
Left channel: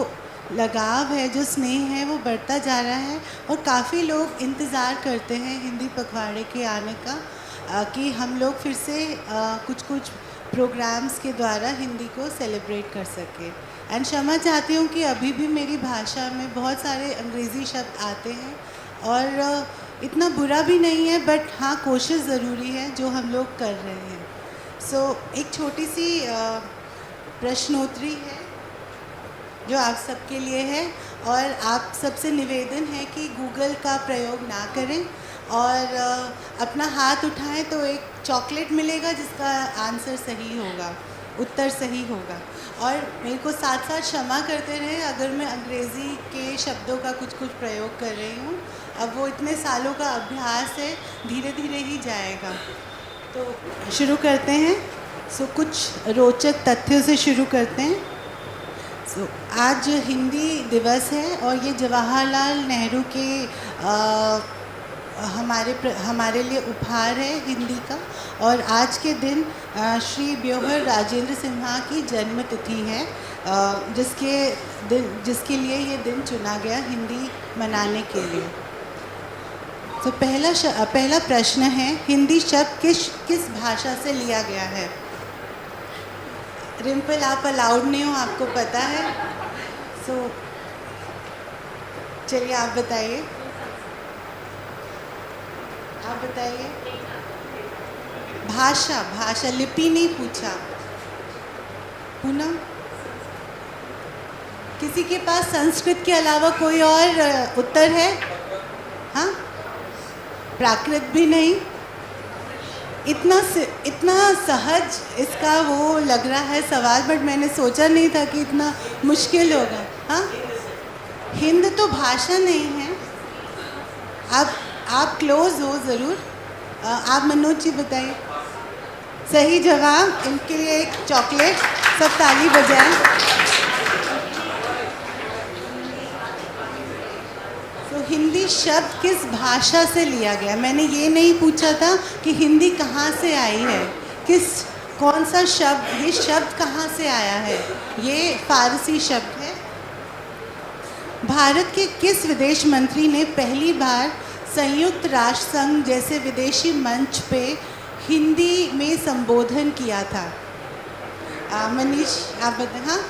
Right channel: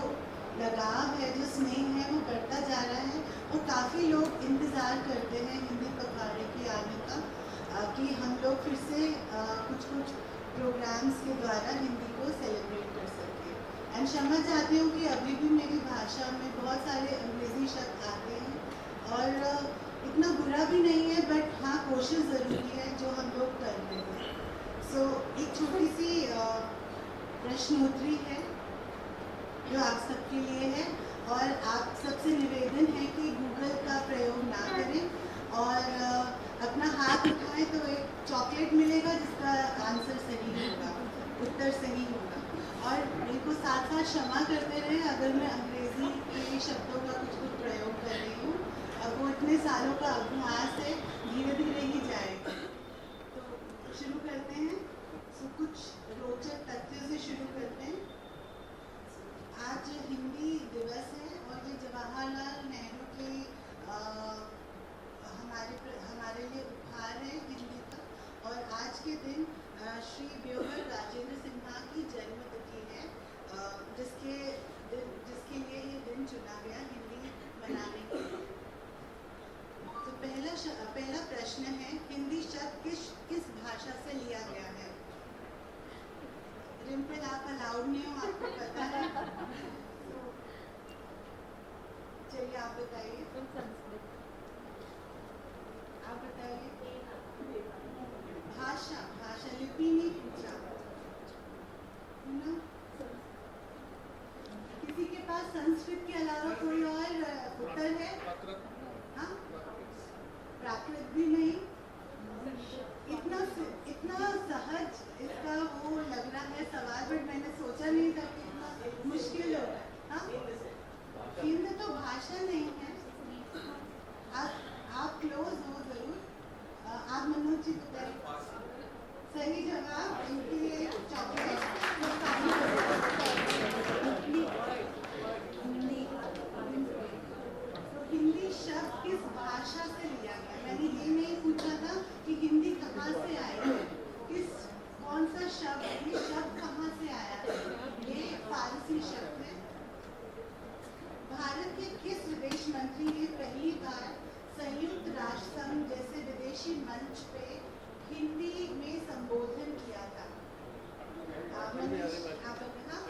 लगाव है, जो स्नेह है, वो बढ़ता जा रहा है। और काफ़ी लोग इंतज़ार करते हैं हिंदी पखवाड़े के आने का, कि हम लोग फिर से कुछ प्रोग्राम्स के द्वारा हिंदी को सेलिब्रेट कर सकें। एंड क्षमा चाहती हूँ कि अभी भी मेरी भाषा में बहुत सारे अंग्रेज़ी शब्द आते हैं और इतना बुरा भी नहीं है, बट हाँ, कोशिश ज़रूरी है जो हम लोग कर रहे हैं। सो एक छोटी सी प्रश्नोत्तरी है जो आप सबके लिए है और आप सबसे निवेदन है कि गूगल का प्रयोग ना करें और अपना हाथ उठाएं तो एक चॉकलेट मिलेगा जिसका आंसर सही होगा, उत्तर सही होगा। और मेरे को साथ साथ क्षमा करते रहे अगर मैं अंग्रेज़ी के शब्दों का कुछ प्रयोग कर रही हूँ। अब वो इतने सालों का अभ्यास है, धीरे धीरे ही जाएगा। तो शुरू करते हैं। सो कुछ रोचक तथ्यों से शुरू करते हैं। सो आज हिंदी दिवस है और ये जवाहरलाल नेहरू के हमारे लिए उपहार है हिंदी का। और आज के दिन श्री ब्योहर राजेंद्र सिन्हा की जन्म तिथि है, जिसके लिए ये दिन चुना गया हिंदी मनाने के लिए। तो पहला प्रश्न है, हिंदी शब्द किस भाषा से लिया गया है? रिम्पल, आप अलाउड नहीं हो, आपको पता है। सो चलिए आप बताइए। आप बताइए। भाषा लिपि नहीं पूछा। पूनम, किसी के पास संस्कृत के अलावा कोई और उत्तर है? प्राकृत भी नहीं, इतना सहज इसका वो लग रहा है सवाल, बट मैंने सोचा नहीं था कि इतना मुश्किल होगा। हाँ, हिंद तो भाषा नहीं है। आप क्लोज हो ज़रूर। आप मनोज जी बताइए। सही जवाब। इनके लिए एक चॉकलेट, सब ताली बजाएं। तो हिंदी शब्द किस भाषा से लिया गया? मैंने ये नहीं पूछा था कि हिंदी कहाँ से आई है, कौन सा शब्द, ये शब्द कहाँ से आया है। ये फारसी शब्द है। भारत के किस विदेश मंत्री ने पहली बार संयुक्त राष्ट्र संघ जैसे विदेशी मंच पे हिंदी में संबोधन किया था? मनीष, आप बताएं। हाँ,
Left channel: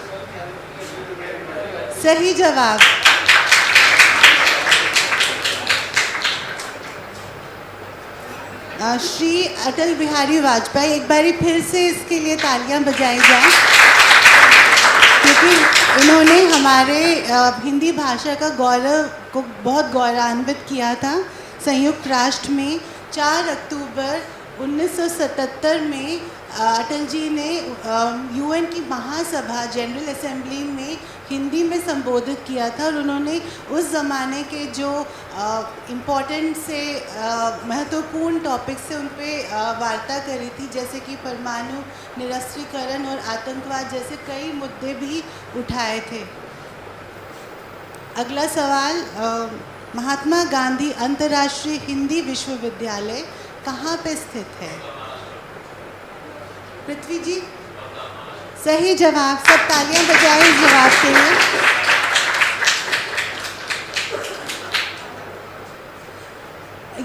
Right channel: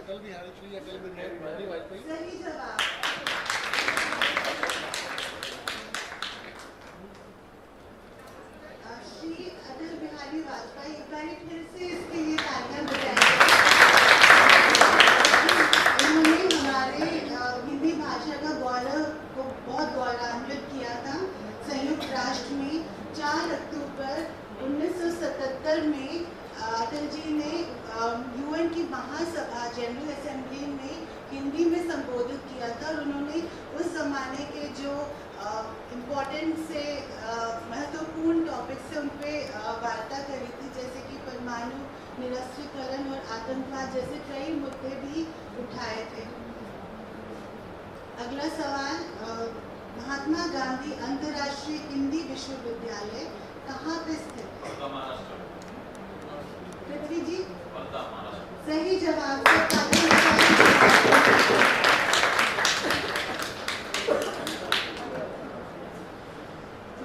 सही जवाब। श्री अटल बिहारी वाजपेयी। एक बारी फिर से इसके लिए तालियां बजाई जाएं, क्योंकि इन्होंने हमारे हिंदी भाषा का गौरव को बहुत गौरवान्वित किया था। संयुक्त राष्ट्र में 4 अक्टूबर 1977 में अटल जी ने यूएन की महासभा जनरल असेंबली में हिंदी में संबोधित किया था, और उन्होंने उस ज़माने के जो इम्पोर्टेंट से महत्वपूर्ण टॉपिक से उन पर वार्ता करी थी, जैसे कि परमाणु निरस्त्रीकरण और आतंकवाद जैसे कई मुद्दे भी उठाए थे। अगला सवाल, महात्मा गांधी अंतर्राष्ट्रीय हिंदी विश्वविद्यालय कहाँ पे स्थित है? पृथ्वी जी। सही जवाब। सब तालियां बजाएं इस जवाब के लिए।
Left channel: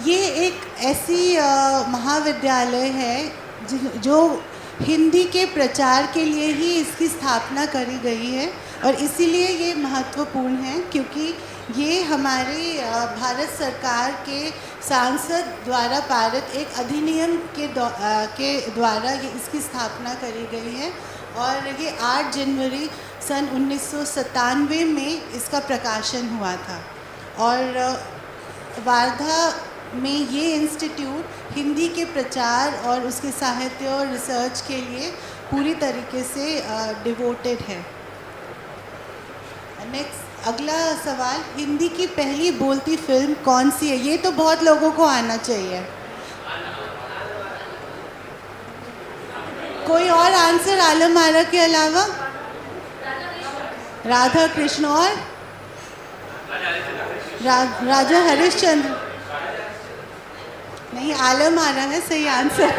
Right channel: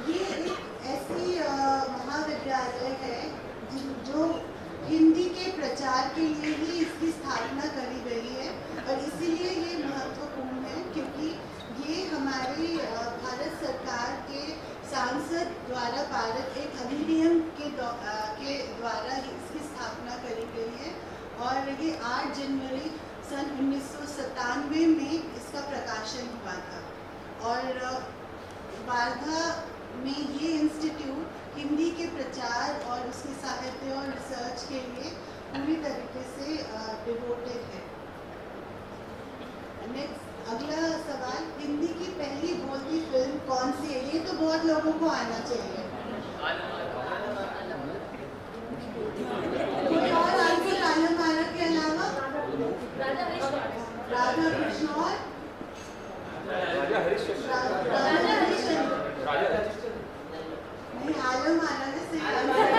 ये एक ऐसी महाविद्यालय है जो हिंदी के प्रचार के लिए ही इसकी स्थापना करी गई है, और इसीलिए ये महत्वपूर्ण है क्योंकि ये हमारी भारत सरकार के सांसद द्वारा पारित एक अधिनियम के द्वारा ये इसकी स्थापना करी गई है, और ये 8 जनवरी सन 1997 में इसका प्रकाशन हुआ था। और वार्धा में ये इंस्टीट्यूट हिंदी के प्रचार और उसके साहित्य और रिसर्च के लिए पूरी तरीके से डिवोटेड है। नेक्स्ट, अगला सवाल, हिंदी की पहली बोलती फिल्म कौन सी है? ये तो बहुत लोगों को आना चाहिए। कोई और आंसर आलम आरा के अलावा? राधा कृष्ण और राजा हरिश्चंद्र? नहीं, आलम आरा है सही आंसर।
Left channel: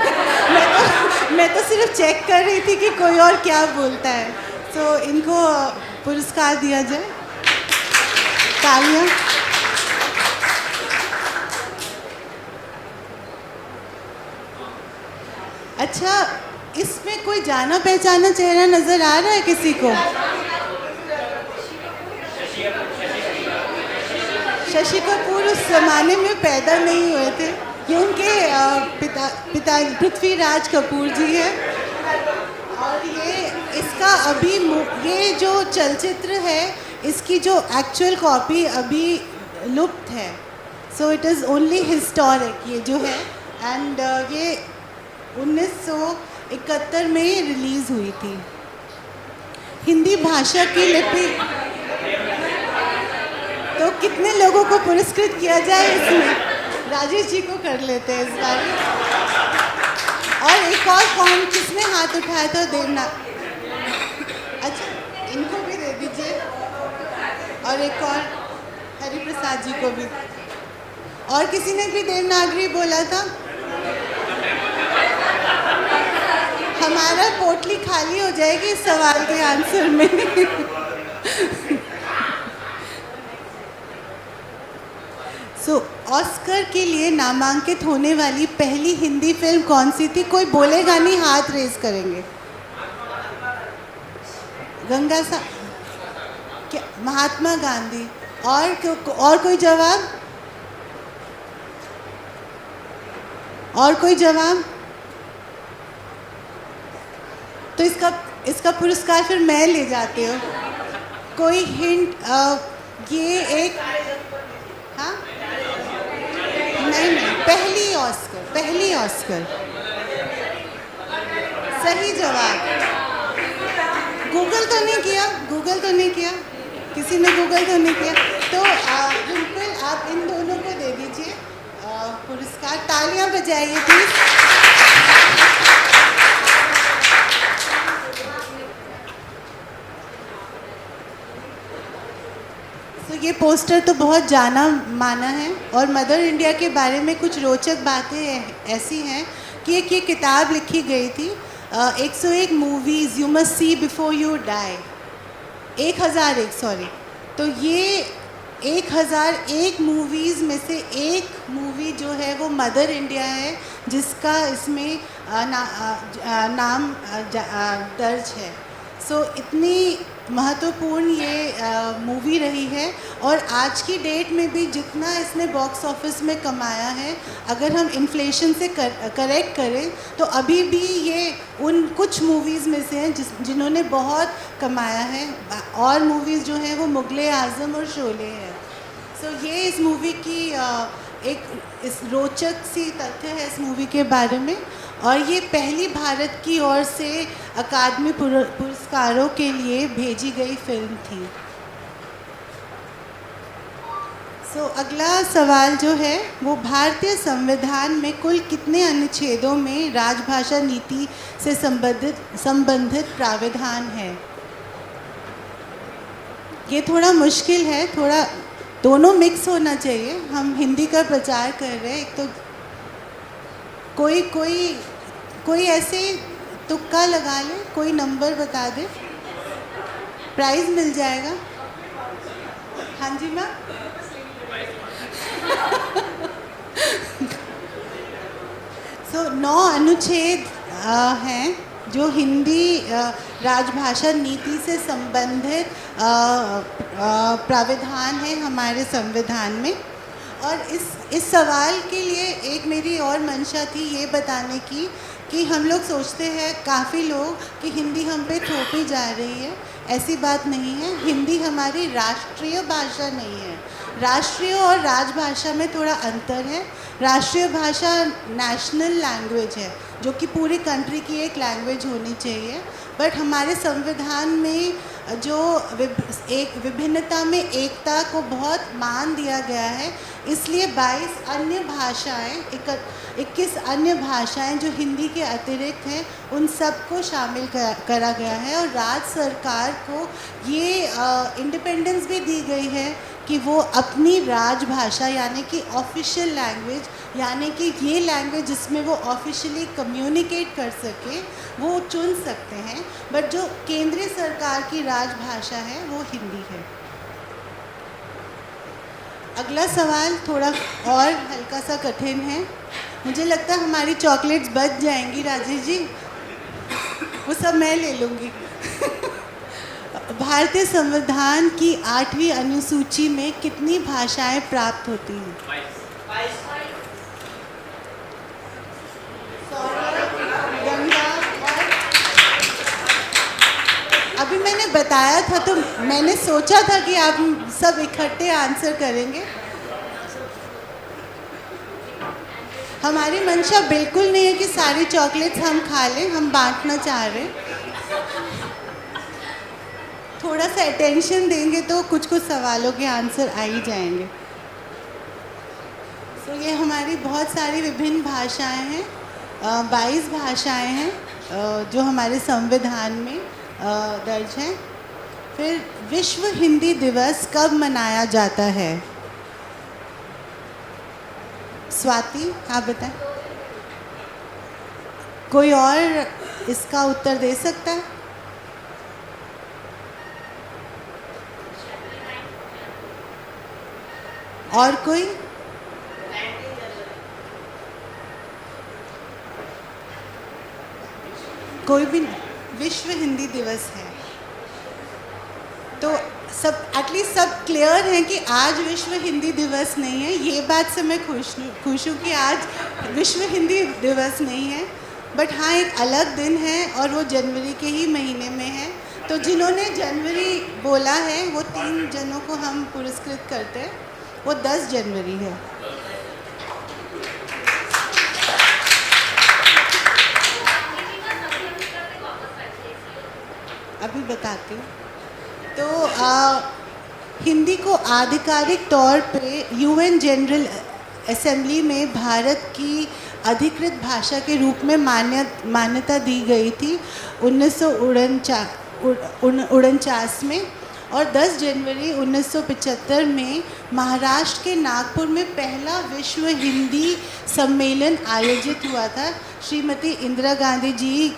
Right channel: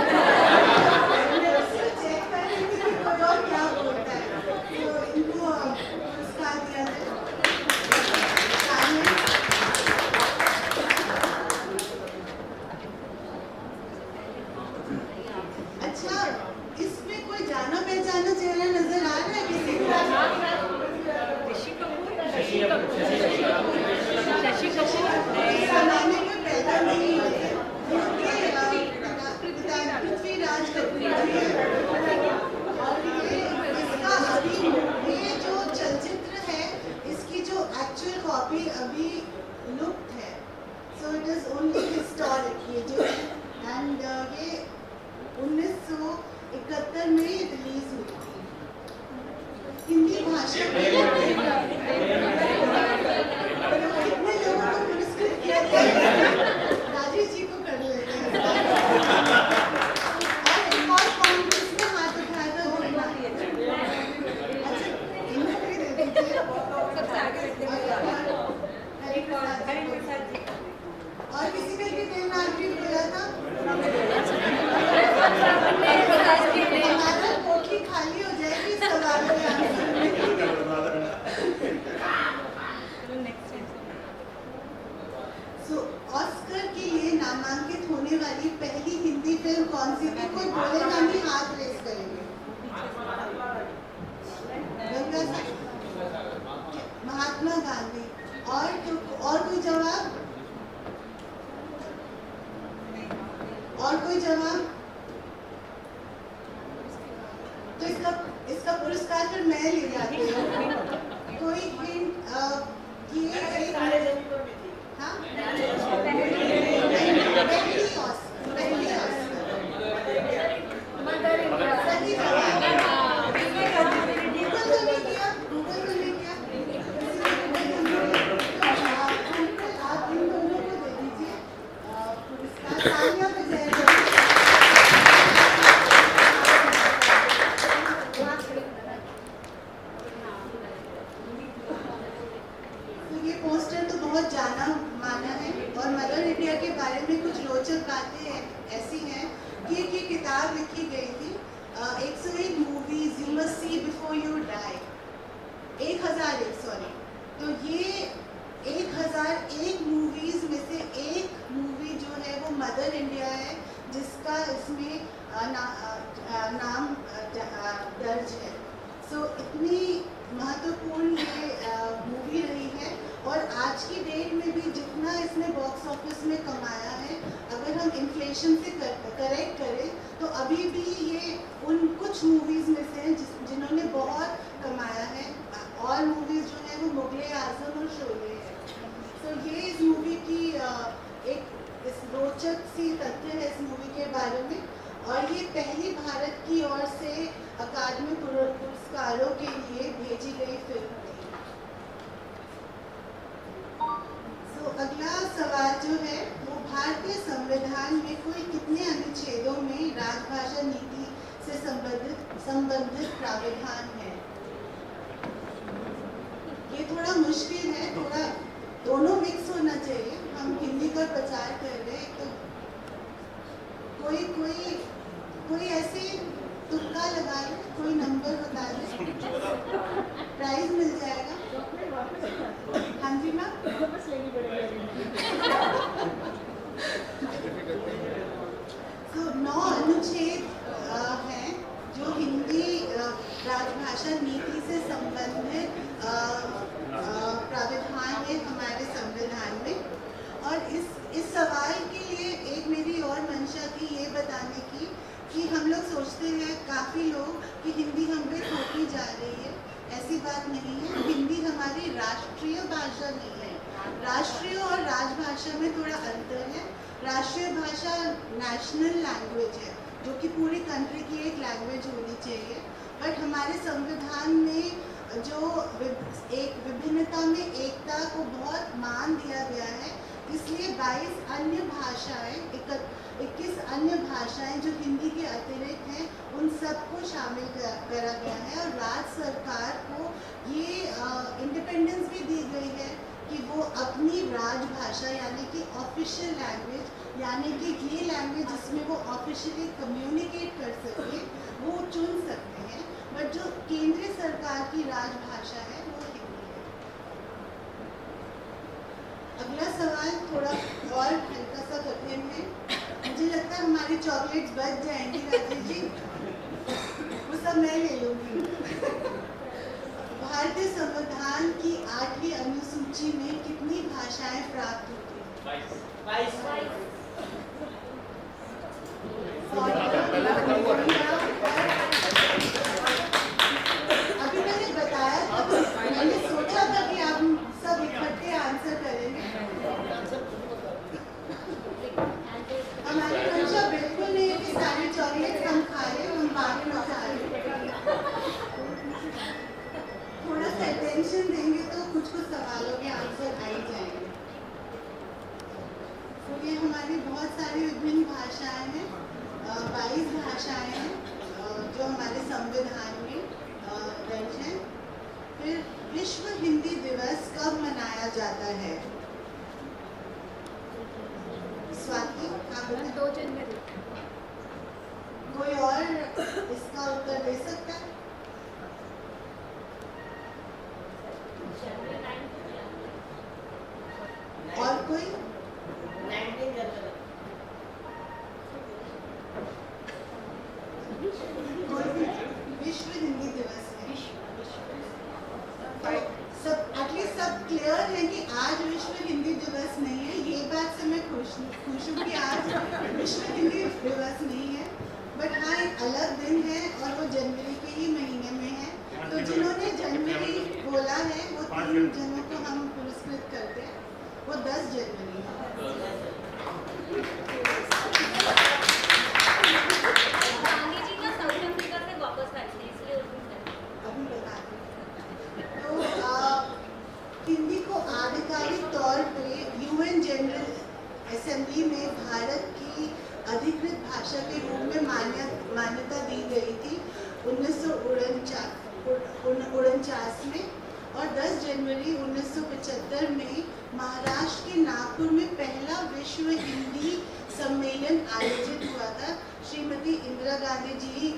मैं तो सिर्फ चेक कर रही थी कि कोई और क्या बोलता है। तो इनको पुरस्कार दिया जाए। तालियां। अच्छा, इसमें कोई जाना पहचाना चेहरा नजर आ रहा है किसी को? शशि कपूर उस जमाने में पैदा नहीं हुए थे, ये उनके पिता पृथ्वीराज कपूर जी हैं। और ये जो चलचित्र है, इसकी जो एक्चुअल कॉपी अभी लुप्त है, so it is only historic ये जो है, एंड ये 1971 में रिलीज़ हुई थी। हिंदी भाषा की लिपि, तो कितने लोगों को पुरस्कृत किया जाए इसमें? राजेश जी को कर लेते हैं इस बार। और एक और कौन, किसने हाथ उठाया था? देवनाथ। अच्छा, इनको भी दे दीजिए। और एक और हरिप्रसाद जी को भी। और किसी ने भी देवनागरी बोला था? हमारा पोटली खाली हो जाएगी इस सवाल के आंसर में। ऑस्कर के लिए नामांकित होने वाली पहली हिंदी फिल्म कौन सी थी? कोई बोलेगा नहीं, हाथ रेज करेंगे। गंगा सा, क्या? महात्मा गांधी। और कोई जवाब? और कोई जवाब? तो इसका पुरस्कार फिर मैं ले जाती हूँ। कोई हिंट? ये एक, हाँ नहीं पहली ऑस्कर। सही जवाब। गूगल तो नहीं किया, किसी ने गूगल तो नहीं किया। तो बिल्कुल आप इन दोनों को दे दीजिए पुरस्कार। तालियां बजाइए प्लीज। ये पोस्टर तो बहुत जाना माना है और मदर इंडिया के बारे में कुछ रोचक बातें ऐसी हैं कि ये किताब लिखी गई थी 101 movies you must see before you die. 1001 तो ये 1001 मूवीज़ में से एक मूवी जो है वो मदर इंडिया है, जिसका इसमें नाम दर्ज है। सो इतनी महत्वपूर्ण ये मूवी रही है और आज की डेट में भी जितना इसने बॉक्स ऑफिस में कमाया है, अगर हम इन्फ्लेशन से करेक्ट करें तो अभी भी ये उन कुछ मूवीज़ में से हैं जिन्होंने बहुत कमाया है। और मूवीज़ जो हैं वो मुग़ल आज़म और शोले है। सो ये इस मूवी की इस रोचक सी तथ्य है इस मूवी के बारे में। और ये पहली भारत की ओर से अकादमी पुरस्कारों के लिए भेजी गई फिल्म थी। सो अगला सवाल जो है वो भारतीय संविधान में कुल कितने अनुच्छेदों में राजभाषा नीति से संबंधित प्रावधान है? ये थोड़ा मुश्किल है, थोड़ा दोनों मिक्स होना चाहिए। हम हिंदी का प्रचार कर रहे हैं, एक तो कोई ऐसे तुक्का लगा ले, कोई नंबर बता दे, प्राइज मिल जाएगा। हाँ जी मैम। सो 9 अनुच्छेद हैं जो हिंदी राजभाषा नीति से संबंधित प्रावधान है हमारे संविधान में। और इस सवाल के लिए एक मेरी और मंशा थी ये बताने की कि हम लोग सोचते हैं काफ़ी लोग कि हिंदी हम पे थोपी जा रही है। ऐसी बात नहीं है। हिंदी हमारी राष्ट्रीय भाषा नहीं है। राष्ट्रीय और राजभाषा में थोड़ा अंतर है। राष्ट्रीय भाषा नेशनल लैंग्वेज है जो कि पूरी कंट्री की एक लैंग्वेज होनी चाहिए। बट हमारे संविधान में जो एक विभिन्नता में एकता को बहुत मान दिया गया है, इसलिए 22 अन्य भाषाएं 21 अन्य भाषाएं जो हिंदी के अतिरिक्त हैं उन सबको शामिल करा गया है। और राज्य सरकार को ये इंडिपेंडेंस भी दी गई है कि वो अपनी राजभाषा यानी कि ऑफिशियल लैंग्वेज, यानी कि ये लैंग्वेज जिसमें वो ऑफिशियली कम्युनिकेट कर सके वो चुन सकते हैं। बट जो केंद्रीय सरकार की राजभाषा है वो हिंदी है। अगला सवाल थोड़ा और हल्का सा कठिन है। मुझे लगता है हमारी चॉकलेट्स बच जाएंगी राजेश जी, वो सब मैं ले लूँगी। भारतीय संविधान की 8वीं अनुसूची में कितनी भाषाएं प्राप्त होती हैं? अभी मैंने बताया था तो मैंने सोचा था कि आप सब इकट्ठे आंसर करेंगे। हमारी मंशा बिल्कुल नहीं है कि सारी चॉकलेट्स हम खा लें, हम बांटना चाह रहे हैं। थोड़ा सा अटेंशन देंगे तो कुछ सवालों के आंसर आ ही जाएंगे। तो ये हमारी बहुत सारी विभिन्न भाषाएं हैं, 22 भाषाएं हैं जो हमारे संविधान में दर्ज हैं। फिर विश्व हिंदी दिवस कब मनाया जाता है? स्वाति आप बताएं। कोई और इसका उत्तर दे सकता है? और कोई? कोई भी? विश्व हिंदी दिवस है तो सब एटलीस्ट सब क्लियर है कि आज विश्व हिंदी दिवस नहीं है। ये बात से मैं खुश हूँ कि आज विश्व हिंदी दिवस नहीं है। बट हाँ, एक अलग दिन है और वो जनवरी के ही महीने में है। तो जिन्होंने जनवरी बोला है वो 3 जनों को हम पुरस्कृत करते हैं। वो 10 जनवरी है। बताती हूँ। तो हिंदी को आधिकारिक तौर पे यूएन जनरल असेंबली में भारत की अधिकृत भाषा के रूप में मान्यता दी गई थी 1949 में, और 10 जनवरी 1975 में महाराष्ट्र के नागपुर में पहला विश्व हिंदी सम्मेलन आयोजित हुआ था। श्रीमती इंदिरा गांधी जी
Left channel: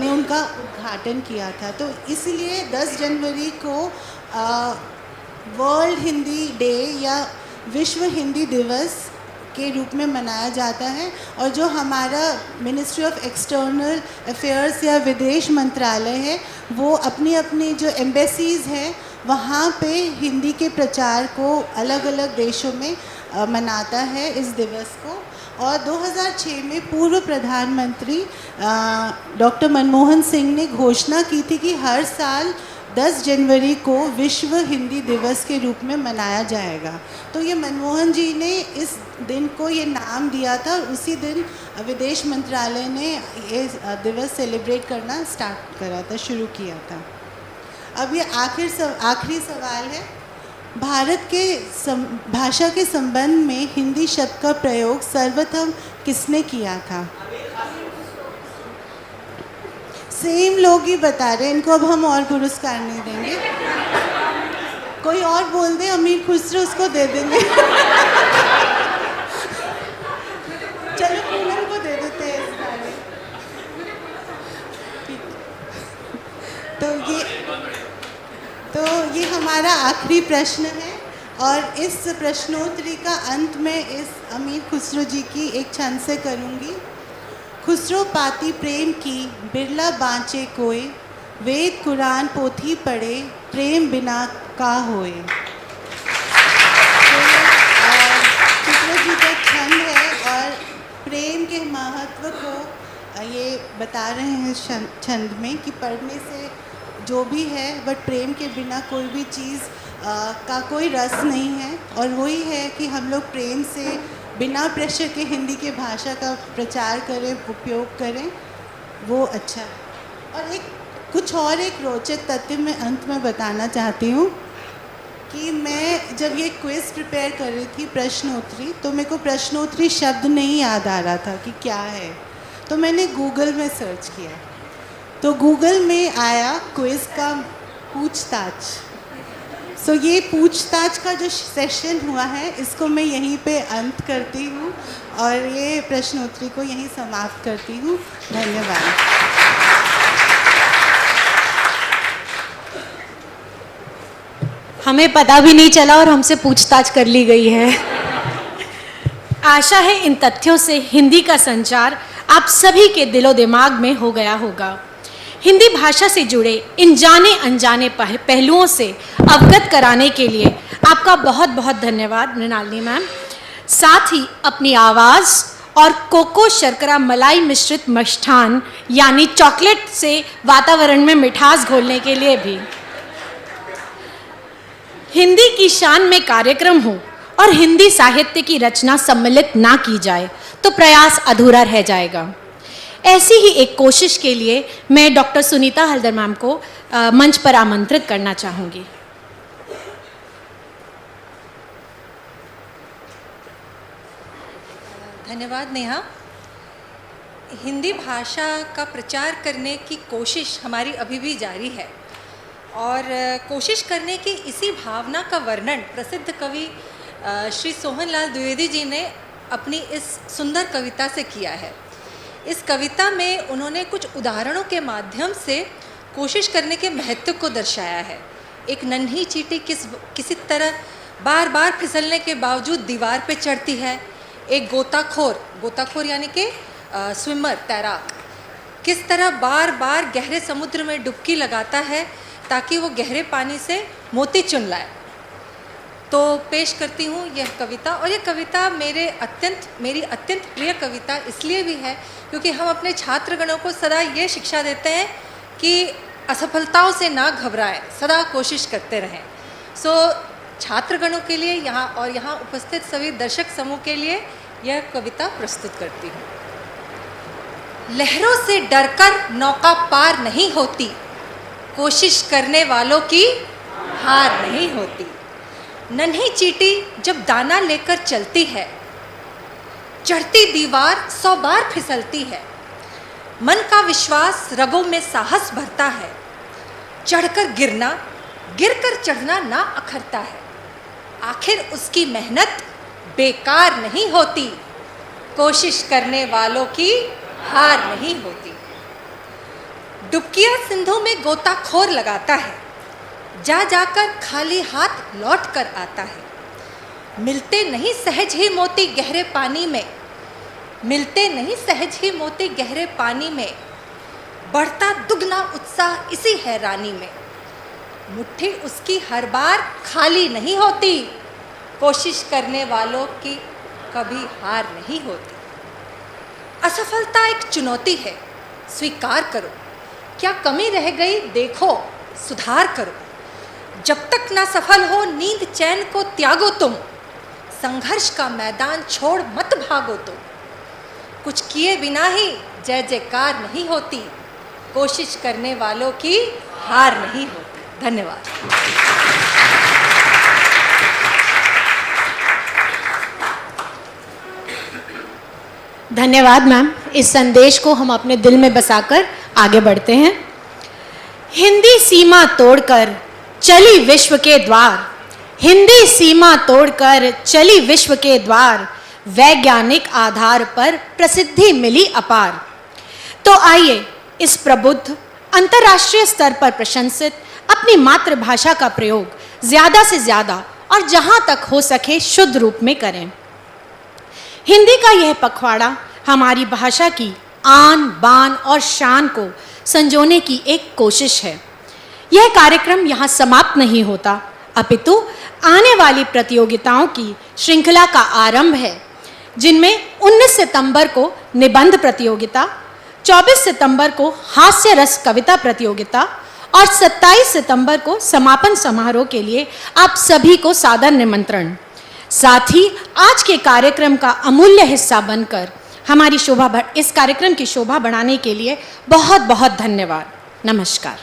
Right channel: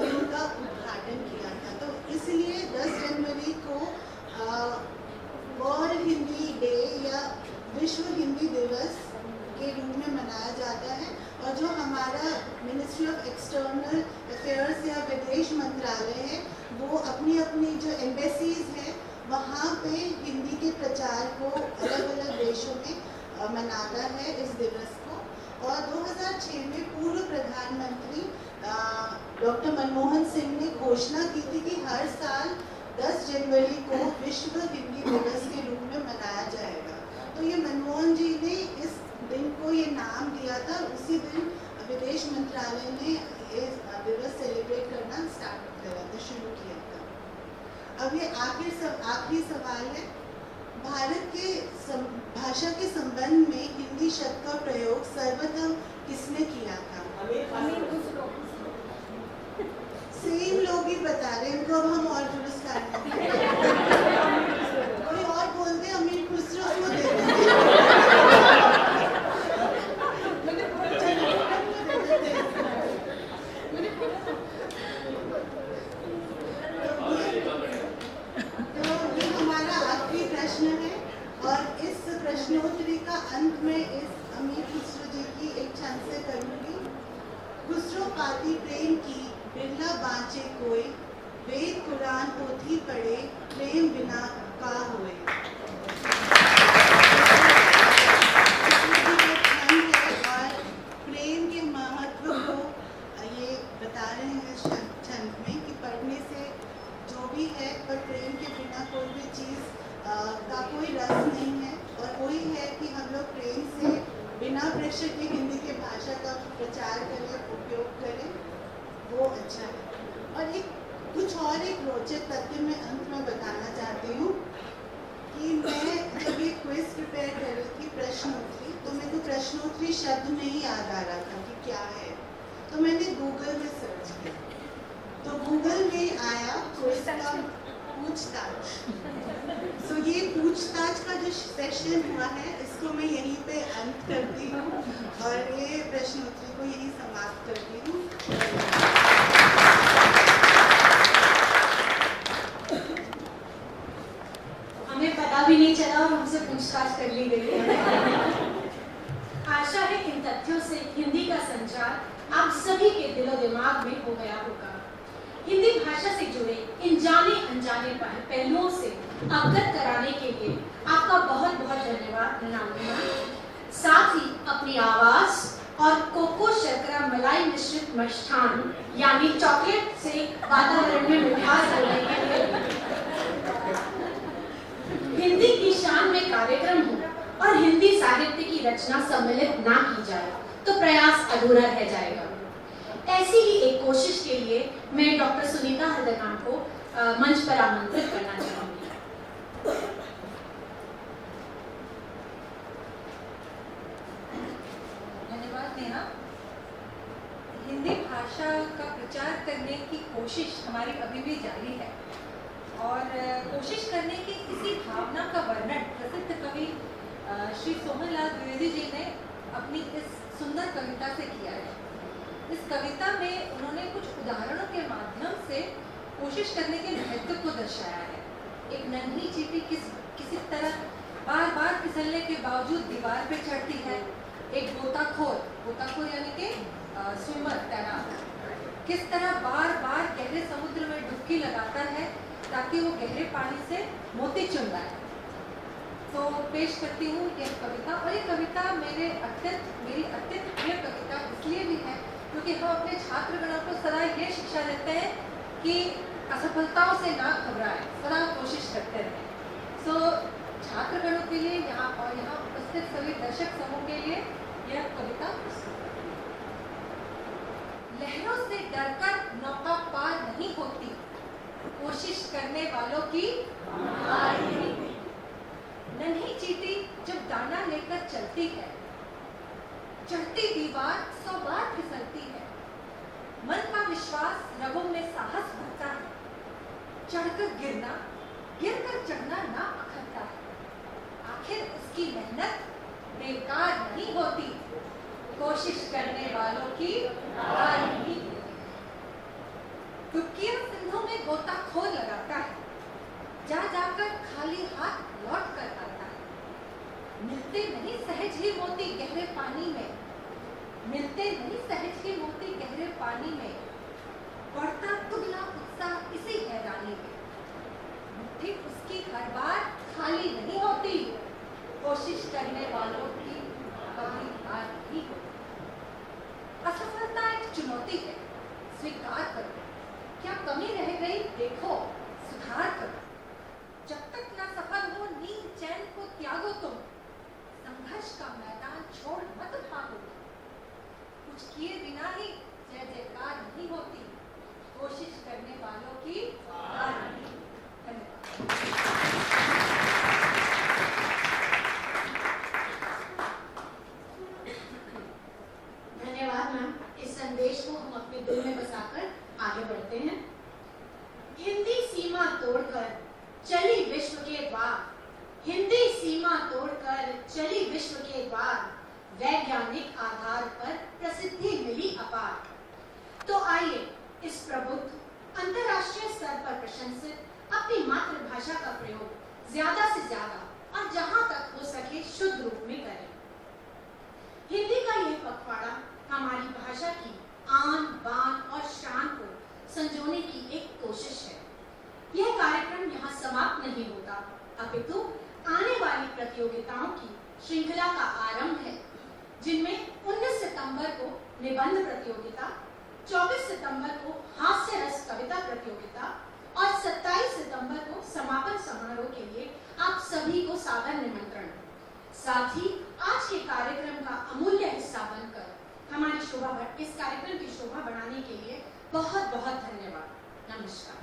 ने उनका उद्घाटन किया था। तो इसलिए 10 जनवरी को वर्ल्ड हिंदी डे या विश्व हिंदी दिवस के रूप में मनाया जाता है। और जो हमारा मिनिस्ट्री ऑफ एक्सटर्नल अफेयर्स या विदेश मंत्रालय है, वो अपनी अपनी जो एम्बेसीज़ हैं वहाँ पे हिंदी के प्रचार को अलग अलग देशों में मनाता है इस दिवस को। और 2006 में पूर्व प्रधानमंत्री डॉक्टर मनमोहन सिंह ने घोषणा की थी कि हर साल 10 जनवरी को विश्व हिंदी दिवस के रूप में मनाया जाएगा। तो ये मनमोहन जी ने इस दिन को ये नाम दिया था, और उसी दिन विदेश मंत्रालय ने ये दिवस सेलिब्रेट करना स्टार्ट करा था, शुरू किया था। अब ये आखिरी सवाल है, भारत के भाषा के संबंध में हिंदी शब्द का प्रयोग सर्वप्रथम किसने किया था? सेम लोग ही बता रहे हैं, इनको अब हम और पुरस्कार नहीं देंगे। कोई और बोल दे, अमीर खुसरो उसको दे देंगे। चलो पूनम को दे देते हैं इस बारे। तो ये हमारा आखिरी प्रश्न है, और इस प्रश्नोत्तरी का अंत में इस अमीर खुसरो जी की एक छंद से करूँगी। खुसरो पाती प्रेम की बिरला बाँचे कोई, वेद कुरान पोथी पढ़े प्रेम बिना का होए। खुसरो जी का छंद है, और प्रेम के महत्व को ये बता रहे हैं छंद में कि पढ़ने से जो भी है, बट प्रेम के बिना कोई भी चीज़ का कोई रस नहीं है। और वही है कि हम लोग प्रेम से बिना प्रेशर के हिंदी के भाषा का प्रचार करें, उपयोग करें, वो अच्छा है। और एक रोचक तथ्य मैं अंत में बताना चाहती हूँ कि मैं जब ये क्विज़ प्रिपेयर कर रही थी प्रश्नोत्तरी, तो मेरे को प्रश्नोत्तरी शब्द नहीं याद आ रहा था कि क्या है। तो मैंने गूगल में सर्च किया, तो गूगल में आया क्विज़ का पूछताछ। सो ये पूछताछ का जो सेशन हुआ है, इसको मैं यहीं पे अंत करती हूँ, और ये प्रश्नोत्तरी को यहीं समाप्त करती हूँ। धन्यवाद। हमें पता भी नहीं चला और हमसे पूछताछ कर ली गई है। आशा है इन तथ्यों से हिंदी का संचार आप सभी के दिलो दिमाग में हो गया होगा। हिंदी भाषा से जुड़े इन जाने अनजाने पहलुओं से अवगत कराने के लिए आपका बहुत बहुत धन्यवाद मृणालिनी मैम। साथ ही अपनी आवाज़ और कोको शर्करा मलाई मिश्रित मिष्ठान यानी चॉकलेट से वातावरण में मिठास घोलने के लिए भी। हिंदी की शान में कार्यक्रम हो और हिंदी साहित्य की रचना सम्मिलित ना की जाए तो प्रयास अधूरा रह जाएगा। ऐसी ही एक कोशिश के लिए मैं डॉक्टर सुनीता हल्दर मैम को मंच पर आमंत्रित करना चाहूँगी। धन्यवाद नेहा। हिंदी भाषा का प्रचार करने की कोशिश हमारी अभी भी जारी है, और कोशिश करने की इसी भावना का वर्णन प्रसिद्ध कवि श्री सोहनलाल द्विवेदी जी ने अपनी इस सुंदर कविता से किया है। इस कविता में उन्होंने कुछ उदाहरणों के माध्यम से कोशिश करने के महत्व को दर्शाया है। एक नन्ही चींटी किसी तरह बार बार फिसलने के बावजूद दीवार पे चढ़ती है। एक गोताखोर यानी कि स्विमर, तैराक, किस तरह बार बार गहरे समुद्र में डुबकी लगाता है ताकि वो गहरे पानी से मोती चुन लाए। तो पेश करती हूँ यह कविता, और ये कविता मेरी अत्यंत प्रिय कविता इसलिए भी है क्योंकि हम अपने छात्रगणों को सदा ये शिक्षा देते हैं कि असफलताओं से ना घबराएं, सदा कोशिश करते रहें। सो छात्रगणों के लिए यहाँ उपस्थित सभी दर्शक समूह के लिए यह कविता प्रस्तुत करती हूँ। लहरों से डरकर नौका पार नहीं होती, कोशिश करने वालों की हार नहीं होती। नन्ही चींटी जब दाना लेकर चलती है, चढ़ती दीवार 100 बार फिसलती है। मन का विश्वास रगों में साहस भरता है। चढ़कर गिरना, गिरकर चढ़ना ना अखरता है। आखिर उसकी मेहनत बेकार नहीं होती। कोशिश करने वालों की हार नहीं होती। डुबकिया सिंधु में गोताखोर लगाता है, जा जाकर खाली हाथ लौट कर आता है। मिलते नहीं सहज ही मोती गहरे पानी में, मिलते नहीं सहज ही मोती गहरे पानी में। बढ़ता दुगना उत्साह इसी हैरानी में। मुट्ठी उसकी हर बार खाली नहीं होती। कोशिश करने वालों की कभी हार नहीं होती। असफलता एक चुनौती है, स्वीकार करो। क्या कमी रह गई देखो, सुधार करो। जब तक ना सफल हो नींद चैन को त्यागो तुम। संघर्ष का मैदान छोड़ मत भागो तुम। कुछ किए बिना ही जय जयकार नहीं होती। कोशिश करने वालों की हार नहीं होती। धन्यवाद। धन्यवाद मैम। इस संदेश को हम अपने दिल में बसाकर आगे बढ़ते हैं। हिंदी सीमा तोड़कर चली विश्व के द्वार, हिंदी सीमा तोड़कर चली विश्व के द्वार। वैज्ञानिक आधार पर प्रसिद्धि मिली अपार। तो आइए इस प्रबुद्ध, अंतर्राष्ट्रीय स्तर पर प्रशंसित अपनी मातृभाषा का प्रयोग ज़्यादा से ज़्यादा और जहाँ तक हो सके शुद्ध रूप में करें। हिंदी का यह पखवाड़ा हमारी भाषा की आन बान और शान को संजोने की एक कोशिश है। यह कार्यक्रम यहाँ समाप्त नहीं होता, अपितु आने वाली प्रतियोगिताओं की श्रृंखला का आरंभ है, जिनमें 19 सितंबर को निबंध प्रतियोगिता, 24 सितंबर को हास्य रस कविता प्रतियोगिता और 27 सितंबर को समापन समारोह के लिए आप सभी को सादर निमंत्रण। साथ ही आज के कार्यक्रम का अमूल्य हिस्सा बनकर हमारी इस कार्यक्रम की शोभा बढ़ाने के लिए बहुत बहुत धन्यवाद। नमस्कार।